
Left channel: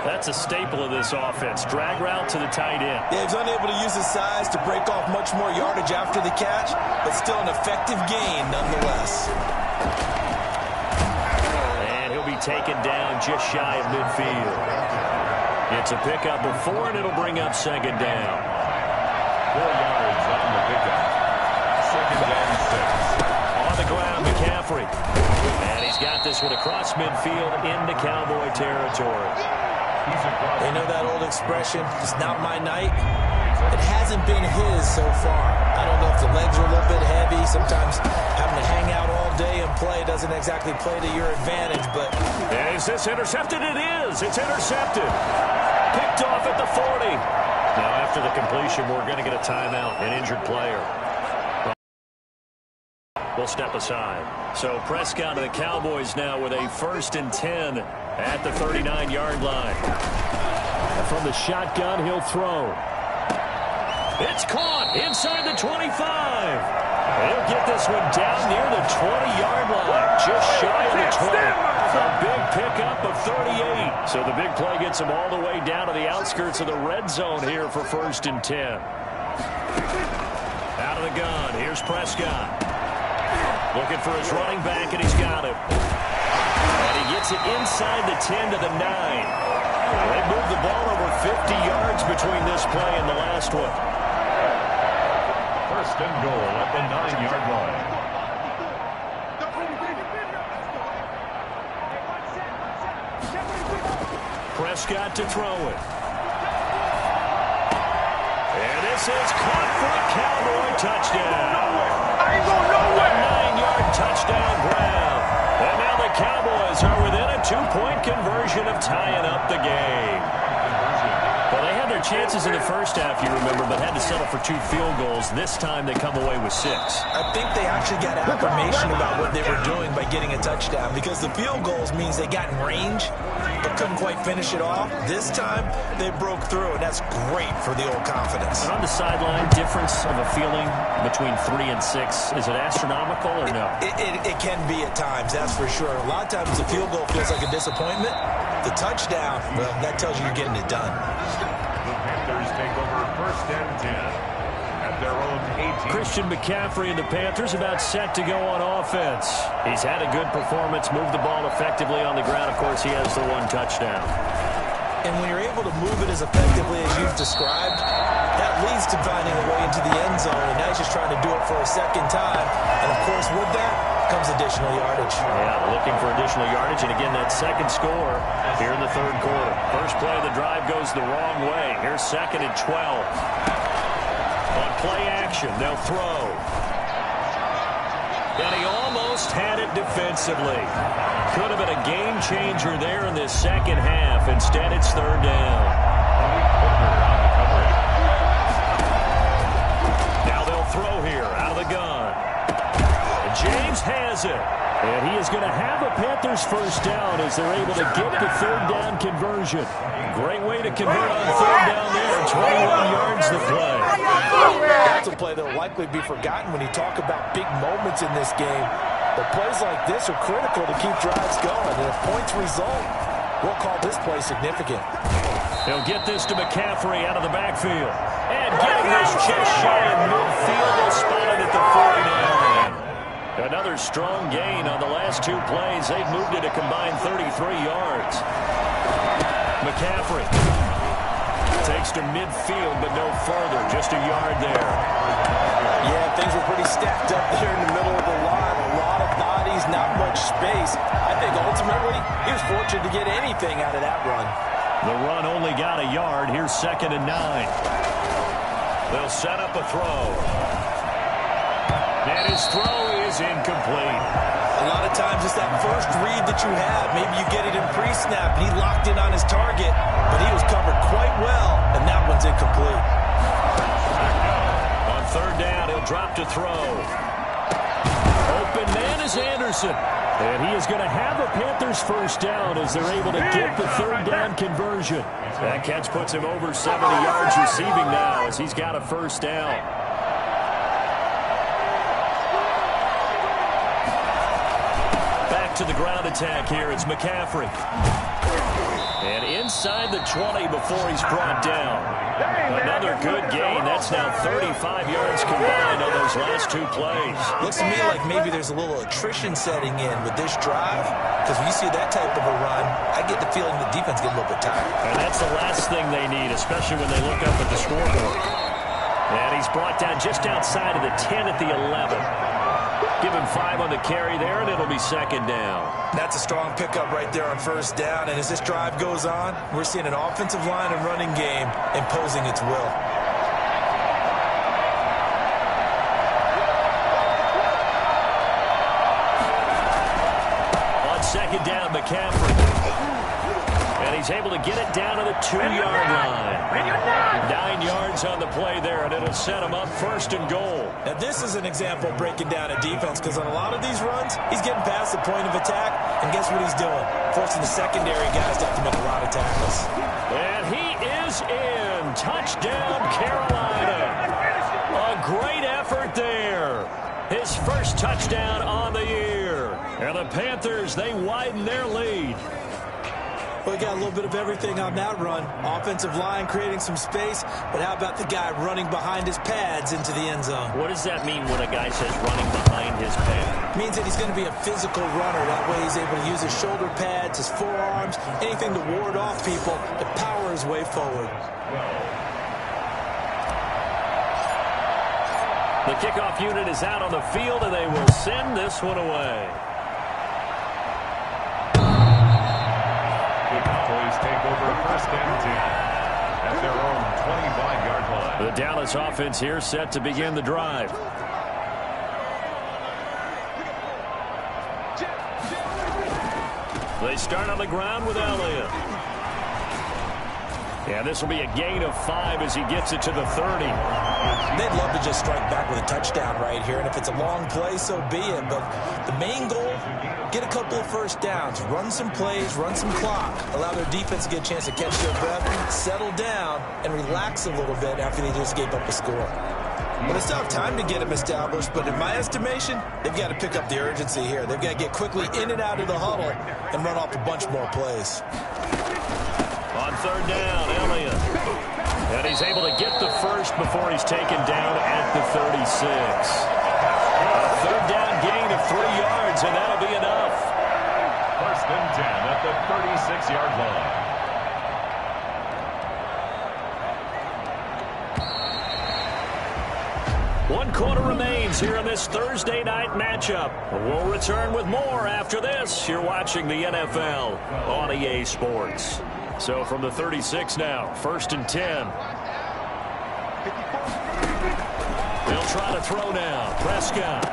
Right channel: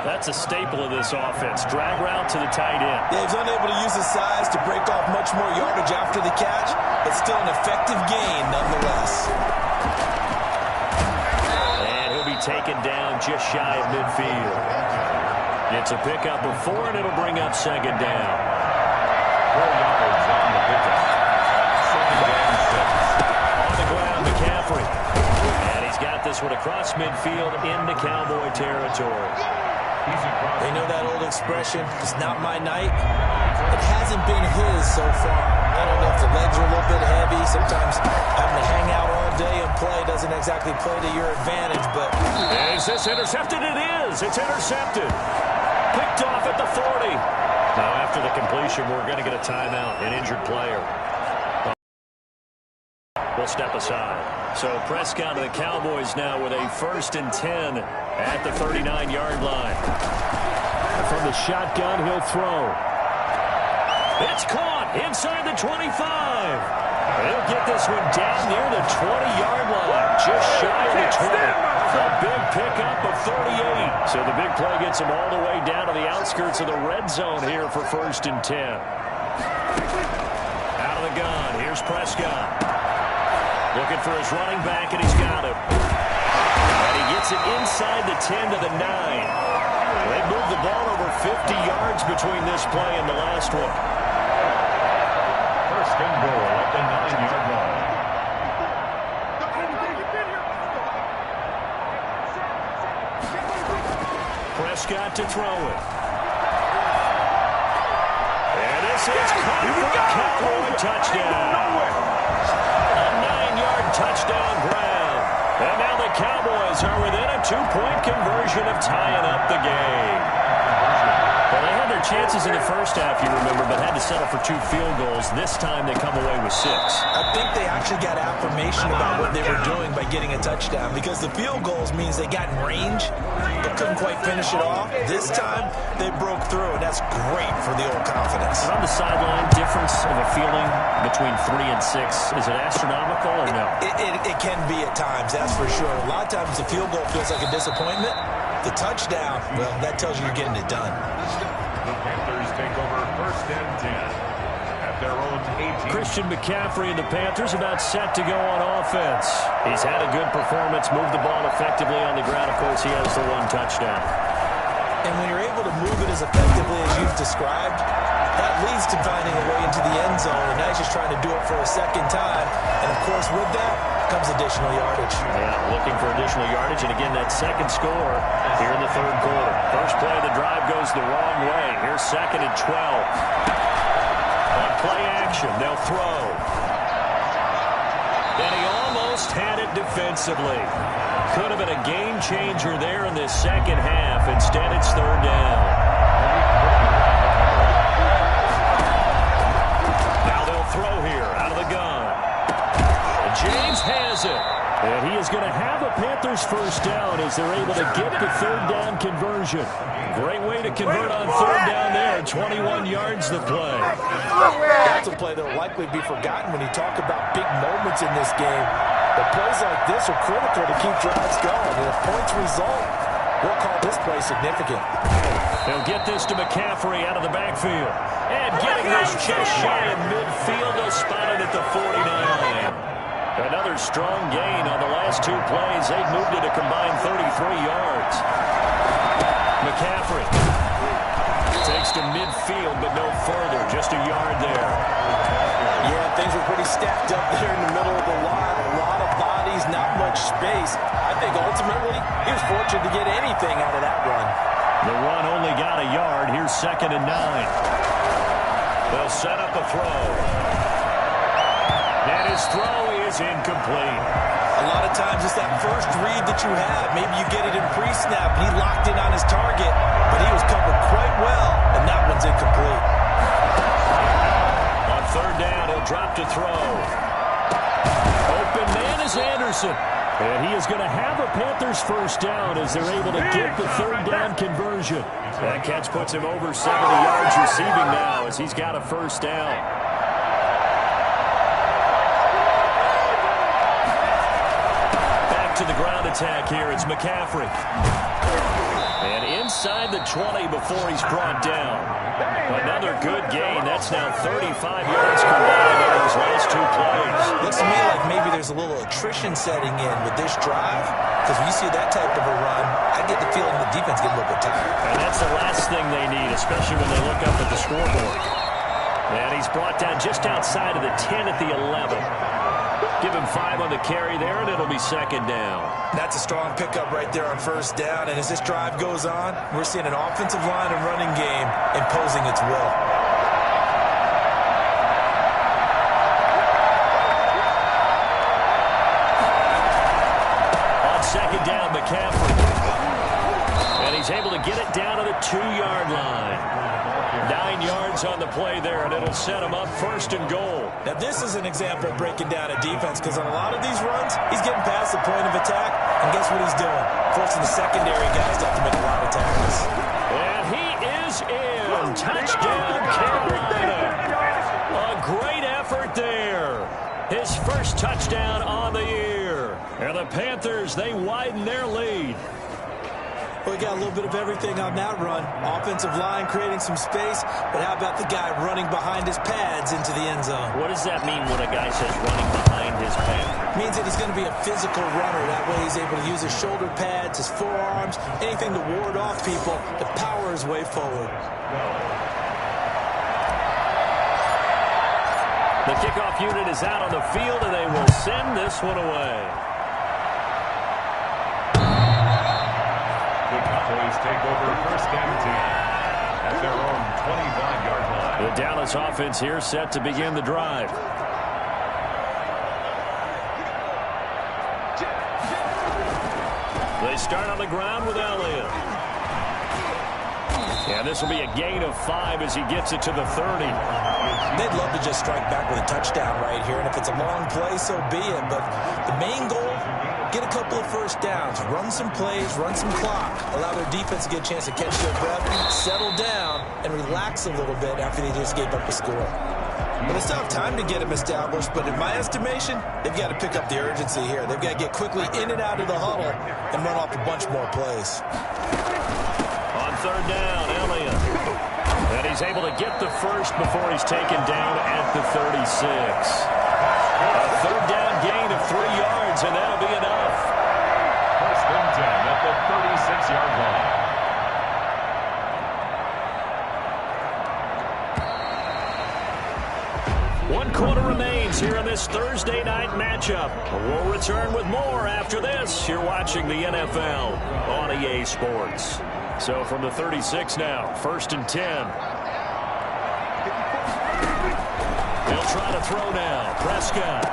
That's a staple of this offense. Drag route to the tight end. Yeah, he's unable to use his size to break off much more yardage after the catch, but still an effective gain nonetheless. And he'll be taken down just shy of midfield. It's a pickup of 4, and it'll bring up second down. 4 yards on the pickup. 2nd and 6. On the ground, McCaffrey. And he's got this one across midfield into Cowboy territory. They know that old expression, it's not my night. It hasn't been his so far. I don't know if the legs are a little bit heavy. Sometimes having to hang out all day and play doesn't exactly play to your advantage, but... Is this intercepted? It is. It's intercepted. Picked off at the 40. Now, after the completion, we're going to get a timeout, an injured player. We'll step aside. So Prescott of the Cowboys now with a 1st and 10 at the 39-yard line. And from the shotgun, he'll throw. It's caught inside the 25. He'll get this one down near the 20-yard line, just shy of the 20. A big pickup of 38. So the big play gets him all the way down to the outskirts of the red zone here for 1st and 10. Out of the gun, here's Prescott. Looking for his running back, and he's got him. And he gets it inside the 10 to the 9. They moved the ball over 50 yards between this play and the last one. 1st and goal at the 9-yard line. Prescott to throw it. And this is caught for a Cowboy touchdown. A 9-yard touchdown grab. And now the Cowboys are within a 2-point conversion of tying up the game. Well, they had their chances in the first half, you remember, but had to settle for 2 field goals. This time they come away with 6. I think they actually got affirmation about what they were doing by getting a touchdown, because the field goals means they got in range but couldn't quite finish it off. This time they broke through, and that's great for the old confidence. And on the sideline, difference of a feeling between 3 and 6, is it astronomical or no? It can be at times, that's for sure. A lot of times the field goal feels like a disappointment. The touchdown, well, that tells you you're getting it done. The Panthers take over 1st and 10 at their own 18. Christian McCaffrey and the Panthers about set to go on offense. He's had a good performance, moved the ball effectively on the ground. Of course, he has the 1 touchdown. And when you're able to move it as effectively as you've described, that leads to finding a way into the end zone. And now he's just trying to do it for a second time. And, of course, with that comes additional yardage. Yeah, looking for additional yardage. And, again, that second score here in the 3rd quarter. First play of the drive goes the wrong way. Here's 2nd and 12. On play action, they'll throw. And he almost had it defensively. Could have been a game changer there in this second half. Instead, it's 3rd down. Now they'll throw here out of the gun. And James has it. And he is going to have a Panthers 1st down as they're able to get the 3rd down conversion. Great way to convert on 3rd down there. 21 yards the play. That's a play that will likely be forgotten when you talk about big moments in this game. But plays like this are critical to keep drives going. And if points result, we'll call this play significant. He'll get this to McCaffrey out of the backfield. And getting this just shy of midfield. They'll spot it at the 49. Another strong gain on the last 2 plays. They've moved it a combined 33 yards. McCaffrey takes to midfield, but no further. Just a yard there. Yeah, things were pretty stacked up there in the middle of the line. A lot of bodies, not much space. I think ultimately he was fortunate to get anything out of that run. The run only got a yard. Here's 2nd and 9. They'll set up a throw. And his throw is incomplete. A lot of times it's that first read that you have. Maybe you get it in pre-snap, and he locked in on his target, but he was covered quite well, and that one's incomplete. On 3rd down, he'll drop to throw. Open man is Anderson. And he is going to have a Panthers 1st down as they're able to get the 3rd down conversion. That catch puts him over 70 yards receiving now as he's got a 1st down. Back to the ground attack here. It's McCaffrey. And inside the 20 before he's brought down. Another good gain. That's now 35 yards combined on those last 2 plays. Looks to me like maybe there's a little attrition setting in with this drive, because when you see that type of a run, I get the feeling the defense get a little bit tired. And that's the last thing they need, especially when they look up at the scoreboard. And he's brought down just outside of the 10 at the 11. Give him 5 on the carry there, and it'll be 2nd down. That's a strong pickup right there on 1st down. And as this drive goes on, we're seeing an offensive line and running game imposing its will. On 2nd down, McCaffrey. And he's able to get it down to the 2-yard line. 9 yards on the play there, and it'll set him up 1st and goal. Now, this is an example of breaking down a defense, because on a lot of these runs, he's getting past the point of attack, and guess what he's doing? Forcing the secondary guys to have to make a lot of tackles. And he is in. Touchdown, Carolina. A great effort there. His first touchdown on the year. And the Panthers, they widen their lead. Well, we got a little bit of everything on that run. Offensive line creating some space, but how about the guy running behind his pads into the end zone? What does that mean when a guy says running behind his pads? It means that he's going to be a physical runner. That way he's able to use his shoulder pads, his forearms, anything to ward off people to power his way forward. The kickoff unit is out on the field, and they will send this one away. The Cowboys take over first and 10 at their own 25-yard line. The Dallas offense here set to begin the drive. They start on the ground with Elliott. And this will be a gain of 5 as he gets it to the 30. They'd love to just strike back with a touchdown right here, and if it's a long play, so be it. But the main goal, get a couple of first downs, run some plays, run some clock, allow their defense to get a chance to catch their breath, settle down, and relax a little bit after they just gave up a score. But they still have time to get them established, but in my estimation, they've got to pick up the urgency here. They've got to get quickly in and out of the huddle and run off a bunch more plays. On third down, Elliott. And he's able to get the first before he's taken down at the 36. A third down gain of 3 yards, and that'll be enough. First and 10 at the 36-yard line. One quarter remains here in this Thursday night matchup. We'll return with more after this. You're watching the NFL on EA Sports. So from the 36 now, first and 10. They'll try to throw now. Prescott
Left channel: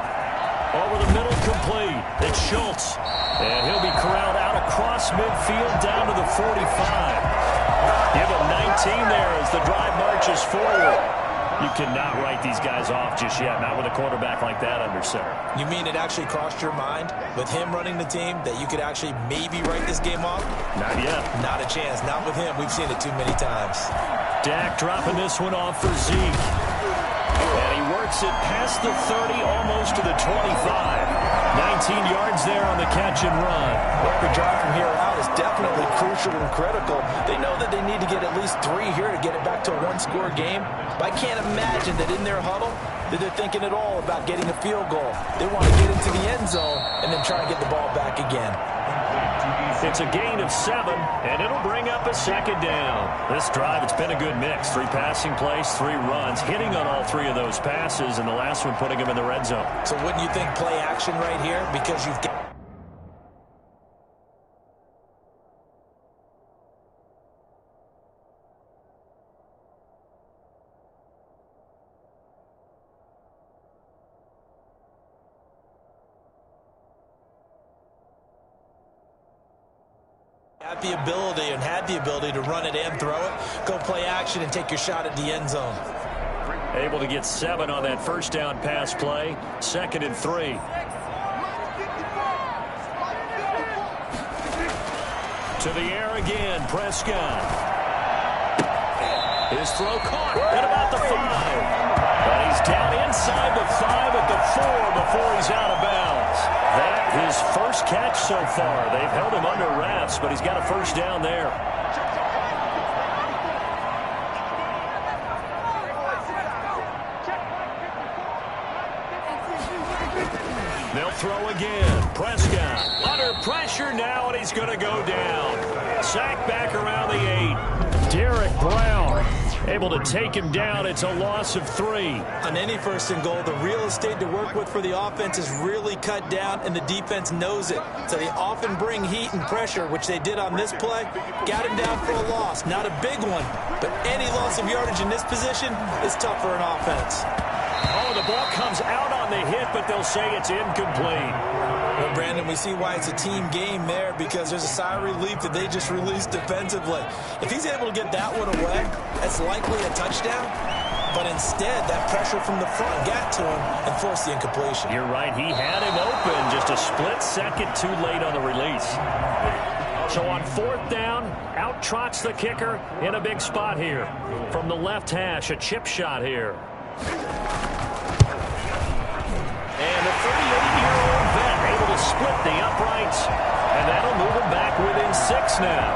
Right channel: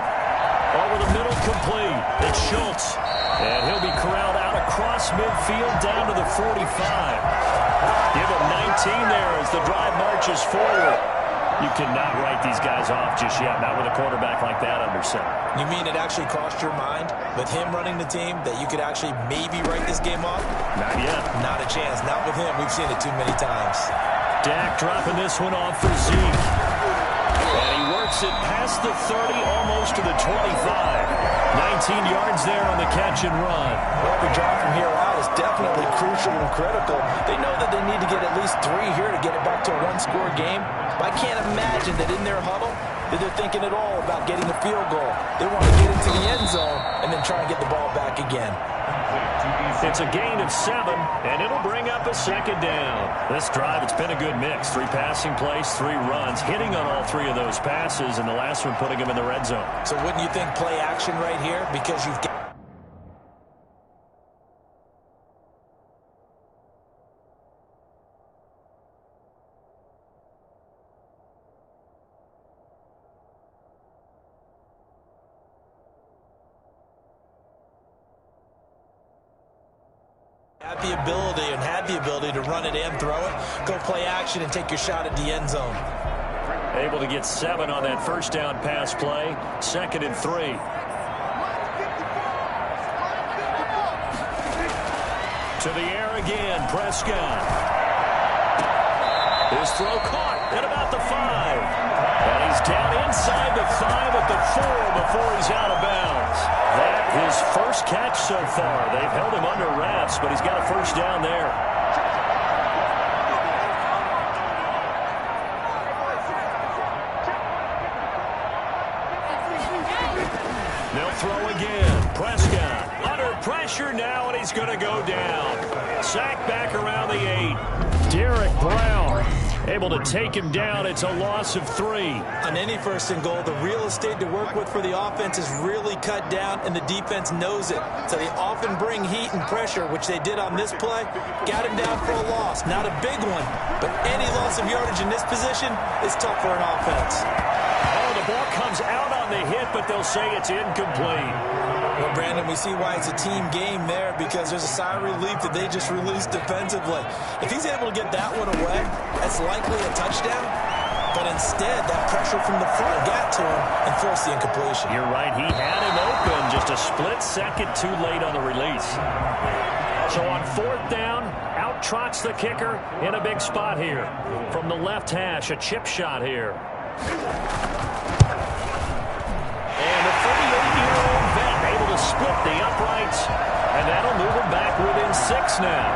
over the middle, complete. It's Schultz. And he'll be corralled out across midfield down to the 45. Give him 19 there as the drive marches forward. You cannot write these guys off just yet, not with a quarterback like that under center. You mean it actually crossed your mind with him running the team that you could actually maybe write this game off? Not yet. Not a chance. Not with him. We've seen it too many times. Dak dropping this one off for Zeke. And he works it past the 30, almost to the 25. 19 yards there on the catch and run. Well, every drive from here out is definitely crucial and critical. They know that they need to get at least 3 here to get it back to a one-score game. But I can't imagine that in their huddle that they're thinking at all about getting a field goal. They want to get into the end zone and then try and get the ball back again. It's a gain of 7, and it'll bring up a second down. This drive, it's been a good mix. 3 passing plays, 3 runs, hitting on all 3 of those passes, and the last one putting him in the red zone. So wouldn't you think play action right here? Because you've got... Had the ability to run it and throw it, go play action and take your shot at the end zone. Able to get 7 on that first down pass play. 2nd and 3. To the air again, Prescott. His throw caught at about the 5. And he's down inside the 5 at the 4 before he's out of bounds. That his first catch so far. They've held him under wraps, but he's got a first down there. They'll throw again. Prescott under pressure now, and he's going to go down. Sacked back around the 8. Derek Brown able to take him down. It's a loss of 3. On any first and goal, the real estate to work with for the offense is really cut down, and the defense knows it. So they often bring heat and pressure, which they did on this play. Got him down for a loss. Not a big one, but any loss of yardage in this position is tough for an offense. Oh, the ball comes out on the hit, but they'll say it's incomplete. Well, Brandon, we see why it's a team game there, because there's a sigh of relief that they just released defensively. If he's able to get that one away, that's likely a touchdown. But instead, that pressure from the front got to him and forced the incompletion. You're right. He had him open, just a split second too late on the release. So on 4th down, out trots the kicker in a big spot here. From the left hash, a chip shot here. And split the uprights, and that'll move them back within 6 now.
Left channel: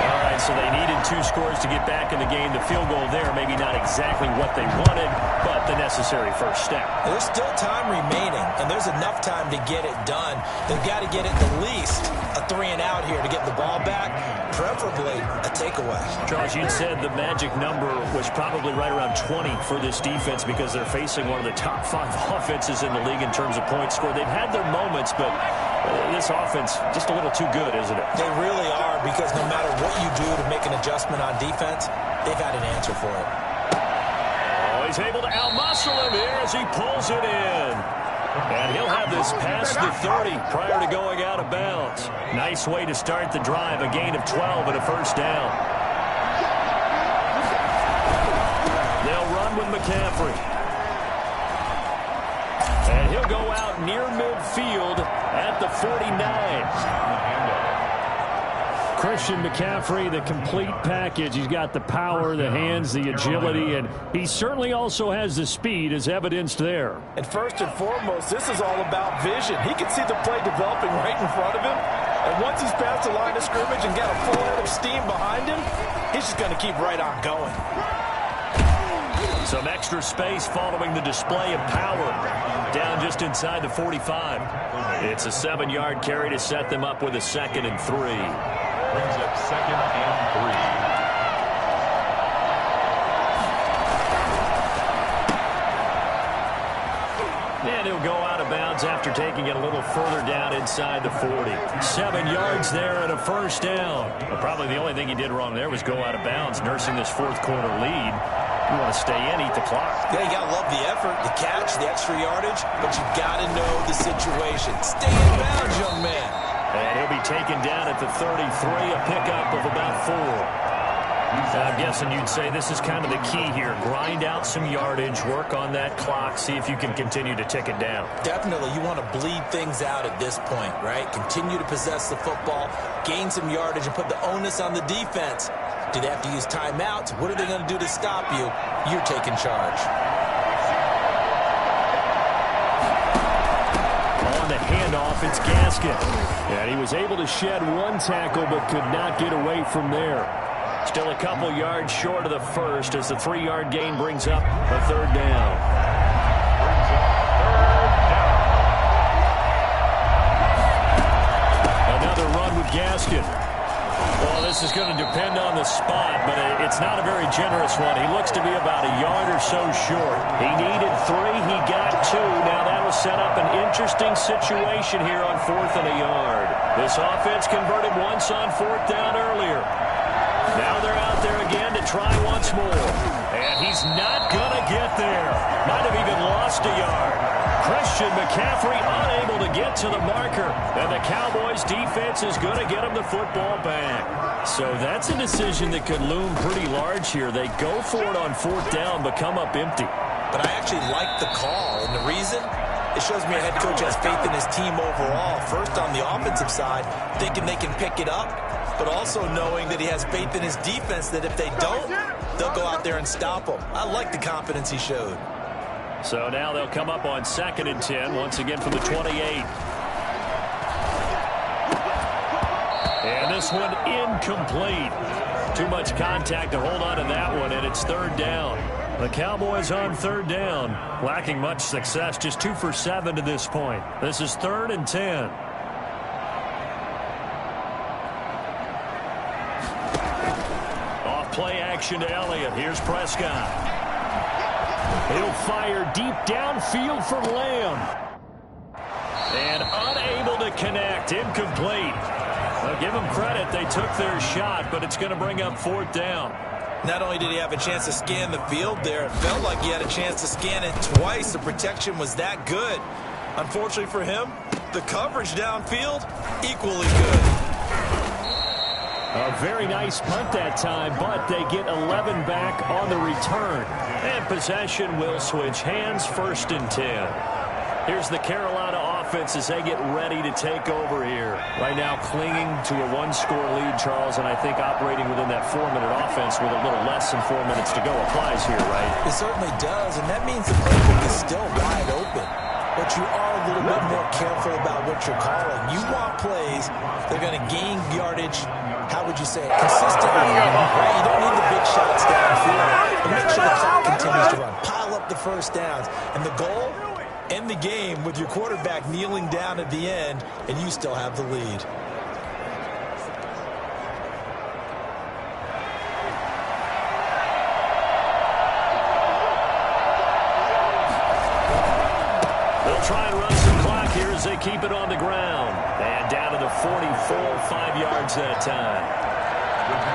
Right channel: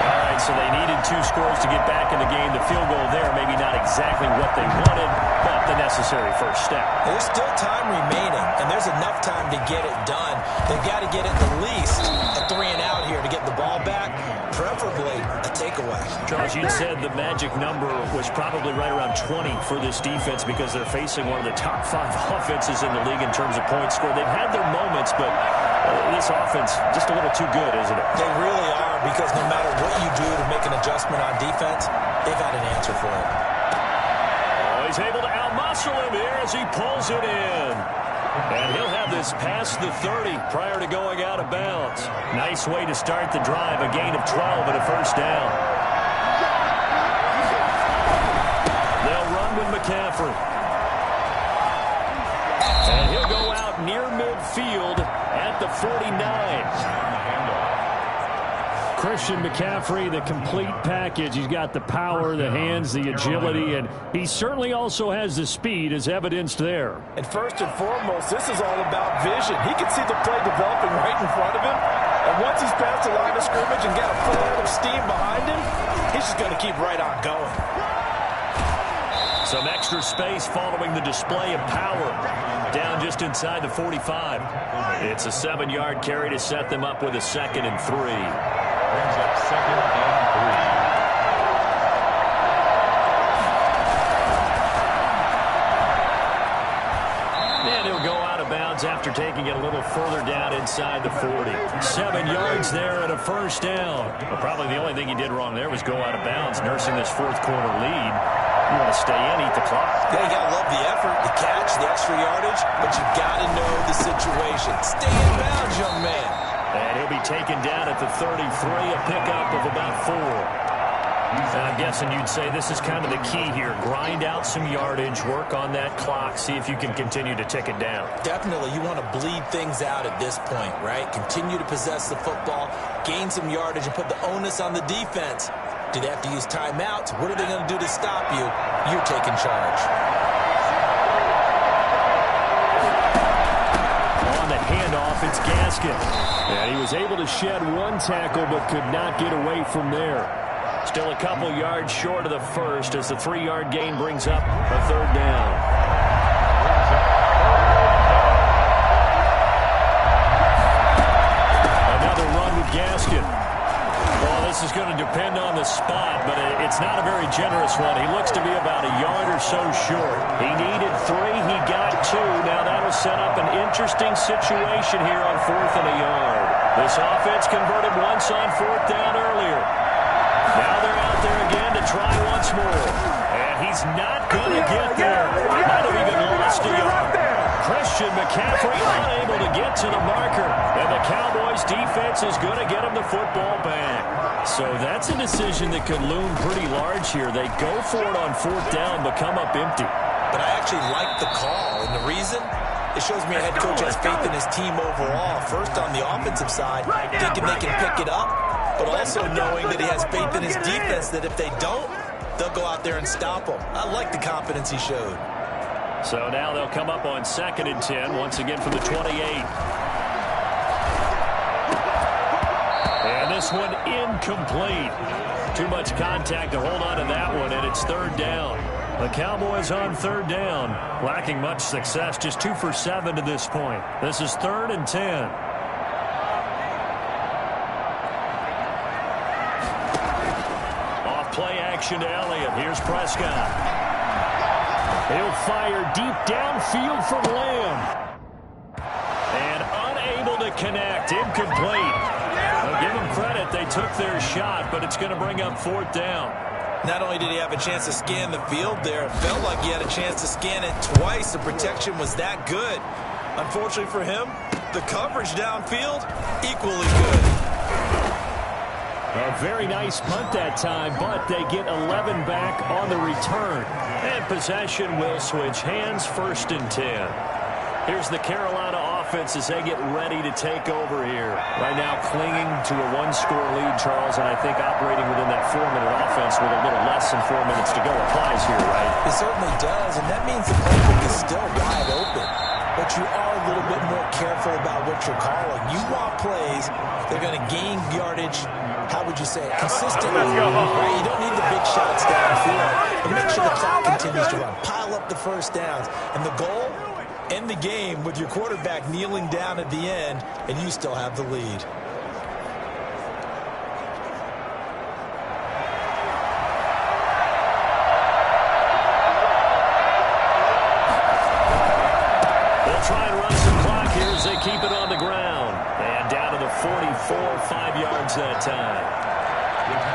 All right, so they needed 2 scores to get back in the game. The field goal there, maybe not exactly what they wanted, but the necessary first step. There's still time remaining, and there's enough time to get it done. They've got to get at least a 3-and-out here to get the ball back, preferably a takeaway. Charles, you said the magic number was probably right around 20 for this defense because they're facing one of the top 5 offenses in the league in terms of points scored. They've had their moments, but this offense just a little too good, isn't it? They really are, because no matter what you do to make an adjustment on defense, they've had an answer for it. Oh, he's able to out-muscle him here as he pulls it in. And he'll have this past the 30 prior to going out of bounds. Nice way to start the drive, a gain of 12 and a first down. They'll run with McCaffrey. And he'll go out near midfield at the 49. Christian McCaffrey, the complete package. He's got the power, the hands, the agility, and he certainly also has the speed as evidenced there. And first and foremost, this is all about vision. He can see the play developing right in front of him. And once he's past the line of scrimmage and got a full head of steam behind him, he's just going to keep right on going. Some extra space following the display of power. Down just inside the 45. It's a 7-yard carry to set them up with a 2nd and 3. Brings up 2nd and 3. And he'll go out of bounds after taking it a little further down inside the 40. 7 yards there and a first down. Well, probably the only thing he did wrong there was go out of bounds, nursing this 4th quarter lead. You want to stay in, eat the clock. Yeah, you got to love the effort, the catch, the extra yardage, but you got to know the situation. Stay in bounds, young man. And he'll be taken down at the 33, a pickup of about 4. And I'm guessing you'd say this is kind of the key here. Grind out some yardage, work on that clock, see if you can continue to tick it down. Definitely, you want to bleed things out at this point, right? Continue to possess the football, gain some yardage, and put the onus on the defense. Do they have to use timeouts? What are they going to do to stop you? You're taking charge. On the handoff, it's Gaskin. And he was able to shed 1 tackle but could not get away from there. Still a couple yards short of the first as the 3-yard gain brings up a 3rd down. Another run with Gaskin. Well, this is going to depend on the spot, but it's not a very generous one. He looks to be about a yard or so short. He needed 3. He got 2. Now that'll set up an interesting situation here on 4th and a yard. This offense converted once on 4th down earlier. Now they're out there again to try once more. And he's not going to get there. Might have even lost a yard. Christian McCaffrey unable to get to the marker. And the Cowboys defense is going to get him the football back. So that's a decision that could loom pretty large here. They go for it on 4th down but come up empty. But I actually like the call. And the reason? It shows me a head coach has faith in his team overall. First on the offensive side, thinking they can pick it up, but also knowing that he has faith in his defense that if they don't, they'll go out there and stop them. I like the confidence he showed. So now they'll come up on 2nd and 10, once again from the 28. And this one incomplete. Too much contact to hold on to that one, and it's 3rd down. The Cowboys on 3rd down, lacking much success, just 2 for 7 to this point. This is 3rd and 10. Off play action to Elliott. Here's Prescott. He'll fire deep downfield from Lamb. And unable to connect. Incomplete. I'll give them credit. They took their shot, but it's going to bring up 4th down. Not only did he have a chance to scan the field there, it felt like he had a chance to scan it twice. The protection was that good. Unfortunately for him, the coverage downfield, equally good. A very nice punt that time, but they get 11 back on the return. And possession will switch hands, 1st and 10. Here's the Carolina offense as they get ready to take over here. Right now clinging to a 1-score lead, Charles, and I think operating within that 4-minute offense with a little less than 4 minutes to go applies here, right? It certainly does, and that means the playbook is still wide open. but you are a little bit more careful about what you're calling. You want plays that are going to gain yardage, how would you say it, consistently. Right? You don't need the big shots downfield, but make sure the clock continues to run. Pile up the first downs. And the goal, end the game with your quarterback kneeling down at the end, and you still have the lead. Try and run some clock here as they keep it on the ground. And down to the 44, 5 yards that time.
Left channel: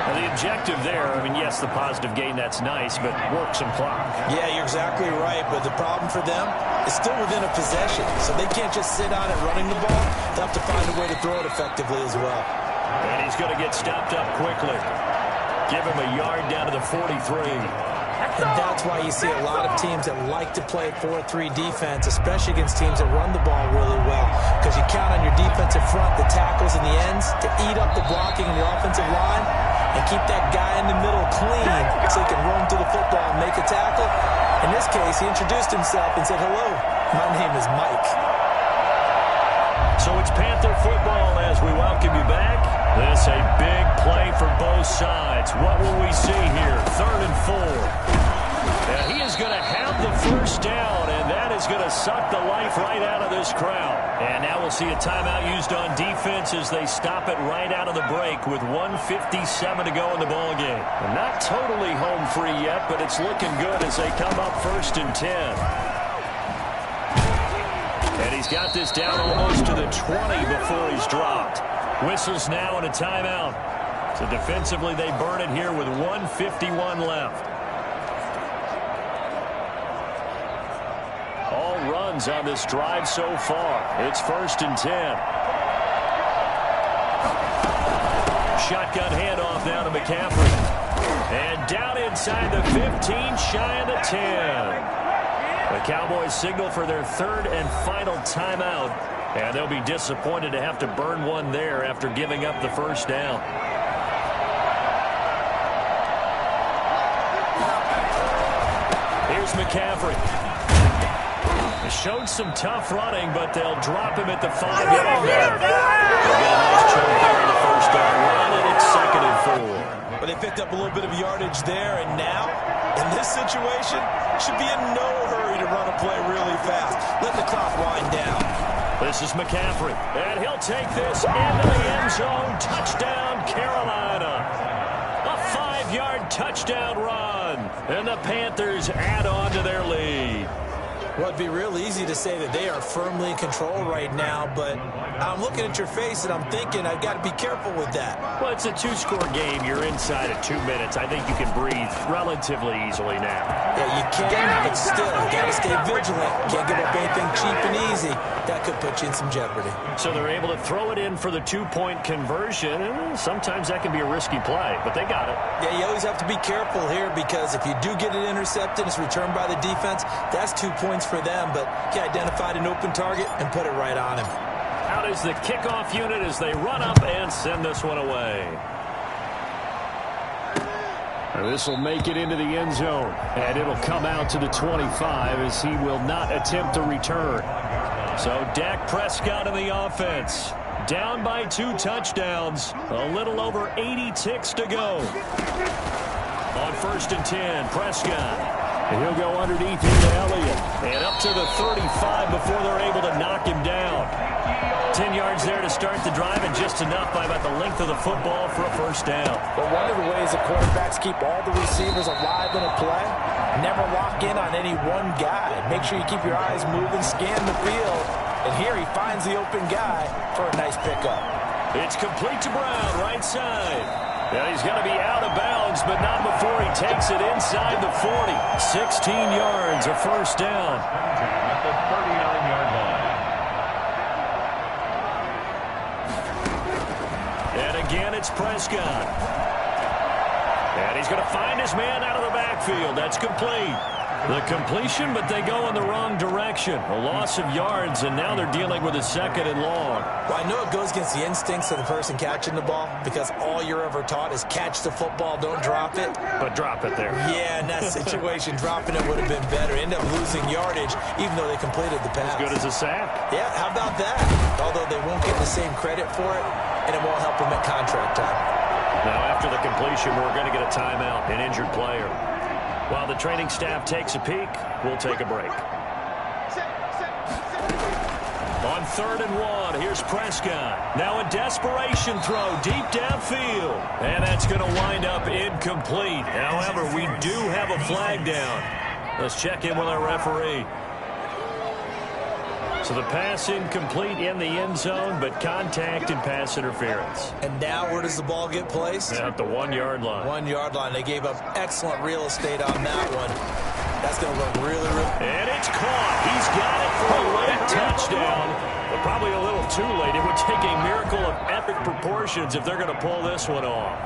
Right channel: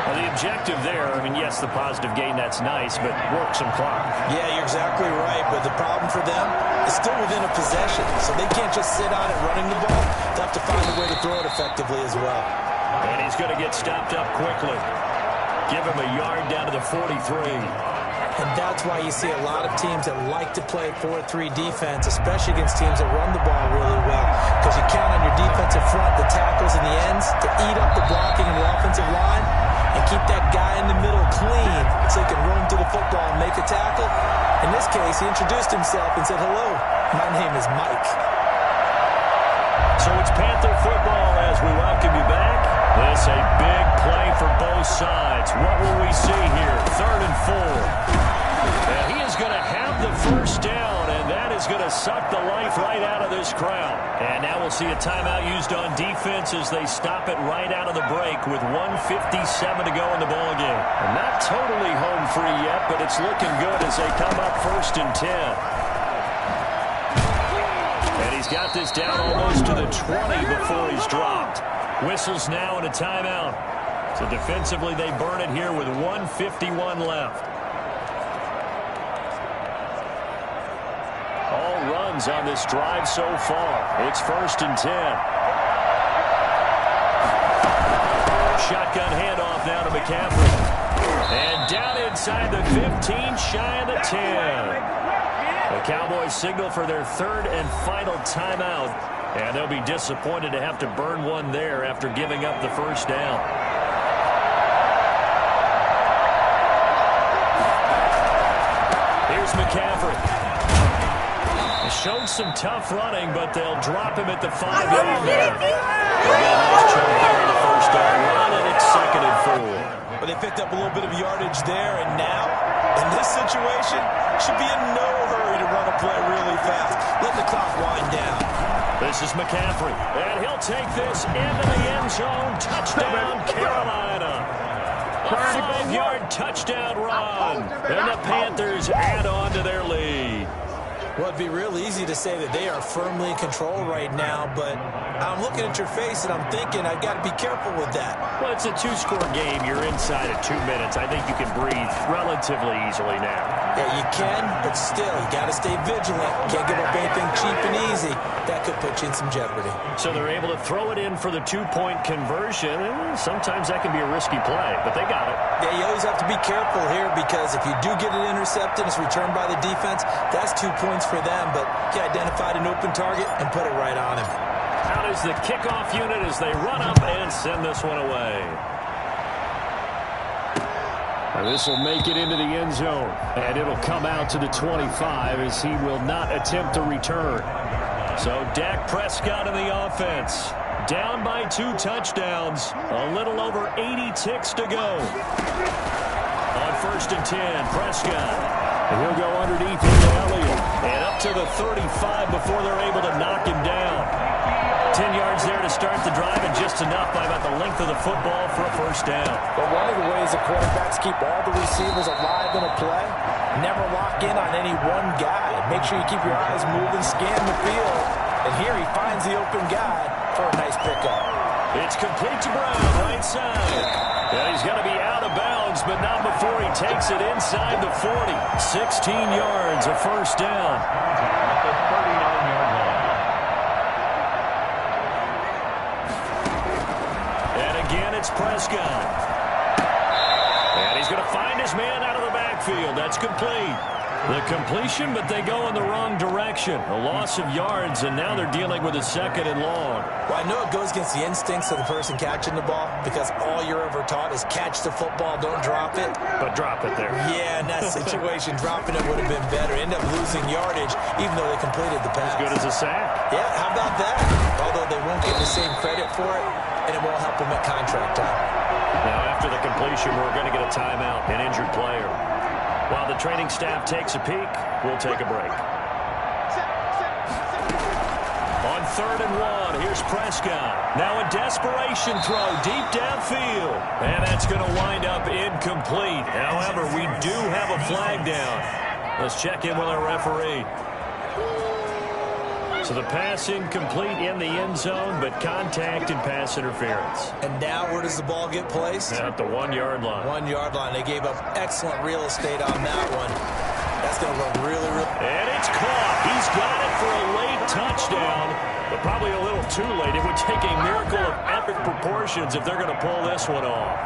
Well, the objective there, I mean, yes, the positive gain, that's nice, but work some clock. Yeah, you're exactly right, but the problem for them is still within a possession, so they can't just sit on it running the ball. They'll have to find a way to throw it effectively as well. And he's going to get stopped up quickly. Give him a yard down to the 43. And that's why you see a lot of teams that like to play 4-3 defense, especially against teams that run the ball really well, because you count on your defensive front, the tackles and the ends, to eat up the blocking in the offensive line and keep that guy in the middle clean so he can roam to the football and make a tackle. In this case, he introduced himself and said, "Hello, my name is Mike." So it's Panther football as we welcome you back. This a big play for both sides. What will we see here? 3rd and 4. And he is going to have the first down, and that is going to suck the life right out of this crowd. And now we'll see a timeout used on defense as they stop it right out of the break with 1:57 to go in the ballgame. Not totally home free yet, but it's looking good as they come up 1st and 10. And he's got this down almost to the 20 before he's dropped. Whistles now and a timeout. So defensively, they burn it here with 1:51 left. All runs on this drive so far. It's 1st and 10. Shotgun handoff now to McCaffrey. And down inside the 15, shy of the 10. The Cowboys signal for their 3rd and final timeout. And they'll be disappointed to have to burn one there after giving up the first down. Here's McCaffrey. He showed some tough running, but they'll drop him at the 5-yard line. They'll get a nice chunk there on the first down run, and it's 2nd and 4. But they picked up a little bit of yardage there, and now, in this situation, should be in no hurry to run a play really fast. Let the clock wind down. This is McCaffrey, and he'll take this into the end zone. Touchdown, Carolina. A 5-yard touchdown run, and the Panthers add on to their lead. Well, it'd be real easy to say that they are firmly in control right now, but I'm looking at your face and I'm thinking I've got to be careful with that. Well, it's a 2-score game. You're inside at 2 minutes. I think you can breathe relatively easily now. Yeah, you can, but still, you got to stay vigilant. Can't give up anything cheap and easy. That could put you in some jeopardy. So they're able to throw it in for the 2-point conversion, and sometimes that can be a risky play, but they got it. Yeah, you always have to be careful here because if you do get it intercepted, it's returned by the defense, that's 2 points for them, but he identified an open target and put it right on him. Out is the kickoff unit as they run up and send this one away. This will make it into the end zone, and it'll come out to the 25 as he will not attempt to return. So Dak Prescott in the offense. Down by 2 touchdowns. A little over 80 ticks to go. On 1st and 10, Prescott. And he'll go underneath into Elliott. And up to the 35 before they're able to knock him down. 10 yards there to start the drive, and just enough by about the length of the football for a first down. But one of the ways that quarterbacks keep all the receivers alive in a play, never lock in on any one guy. Make sure you keep your eyes moving, scan the field, and here he finds the open guy for a nice pickup. It's complete to Brown, right side. And he's got to be out of bounds, but not before he takes it inside the 40. 16 yards, a first down. At the 39-yard line. And again, it's Prescott. And he's going to find his man out of the backfield. That's complete. The completion, but they go in the wrong direction. A loss of yards, and now they're dealing with a 2nd and long. Well, I know it goes against the instincts of the person catching the ball because all you're ever taught is catch the football, don't drop it. But drop it there. Yeah, in that situation, dropping it would have been better. End up losing yardage, even though they completed the pass. As good as a sack. Yeah, how about that? Although they won't get the same credit for it, and it won't help them at contract time. Now, after the completion, we're going to get a timeout, an injured player. While the training staff takes a peek, we'll take a break. On 3rd and 1, here's Prescott. Now a desperation throw deep downfield. And that's going to wind up incomplete. However, we do have a flag down. Let's check in with our referee. So the pass incomplete in the end zone, but contact and pass interference. And now where does the ball get placed? At the 1-yard line. 1-yard line. They gave up excellent real estate on that one. That's going to look really, really... And it's caught. He's got it for a late touchdown, but probably a little too late. It would take a miracle of epic proportions if they're going to pull this one off.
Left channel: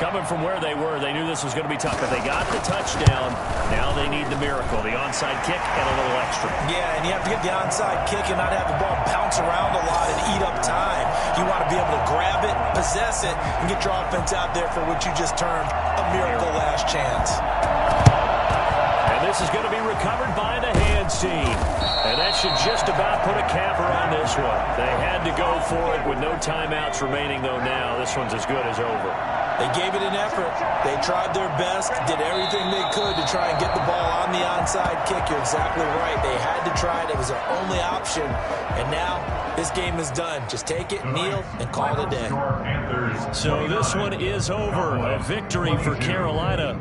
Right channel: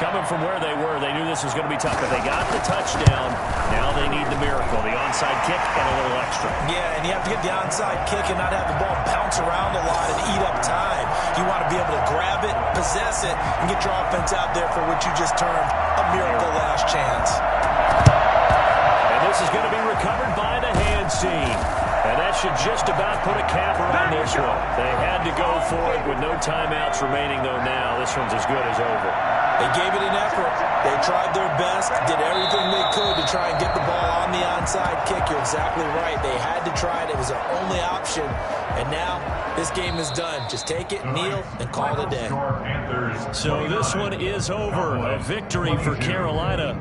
Coming from where they were, they knew this was going to be tough. But they got the touchdown. Now they need the miracle, the onside kick and a little extra. Yeah, and you have to get the onside kick and not have the ball bounce around a lot and eat up time. You want to be able to grab it, possess it, and get your offense out there for what you just termed a miracle last chance. And this is going to be recovered by the hands team. And that should just about put a capper on this one. They had to go for it with no timeouts remaining, though now this one's as good as over. They gave it an effort. They tried their best, did everything they could to try and get the ball on the onside kick. You're exactly right. They had to try it. It was their only option. And now this game is done. Just take it, kneel, and call it a day. So this one is over. A victory for Carolina.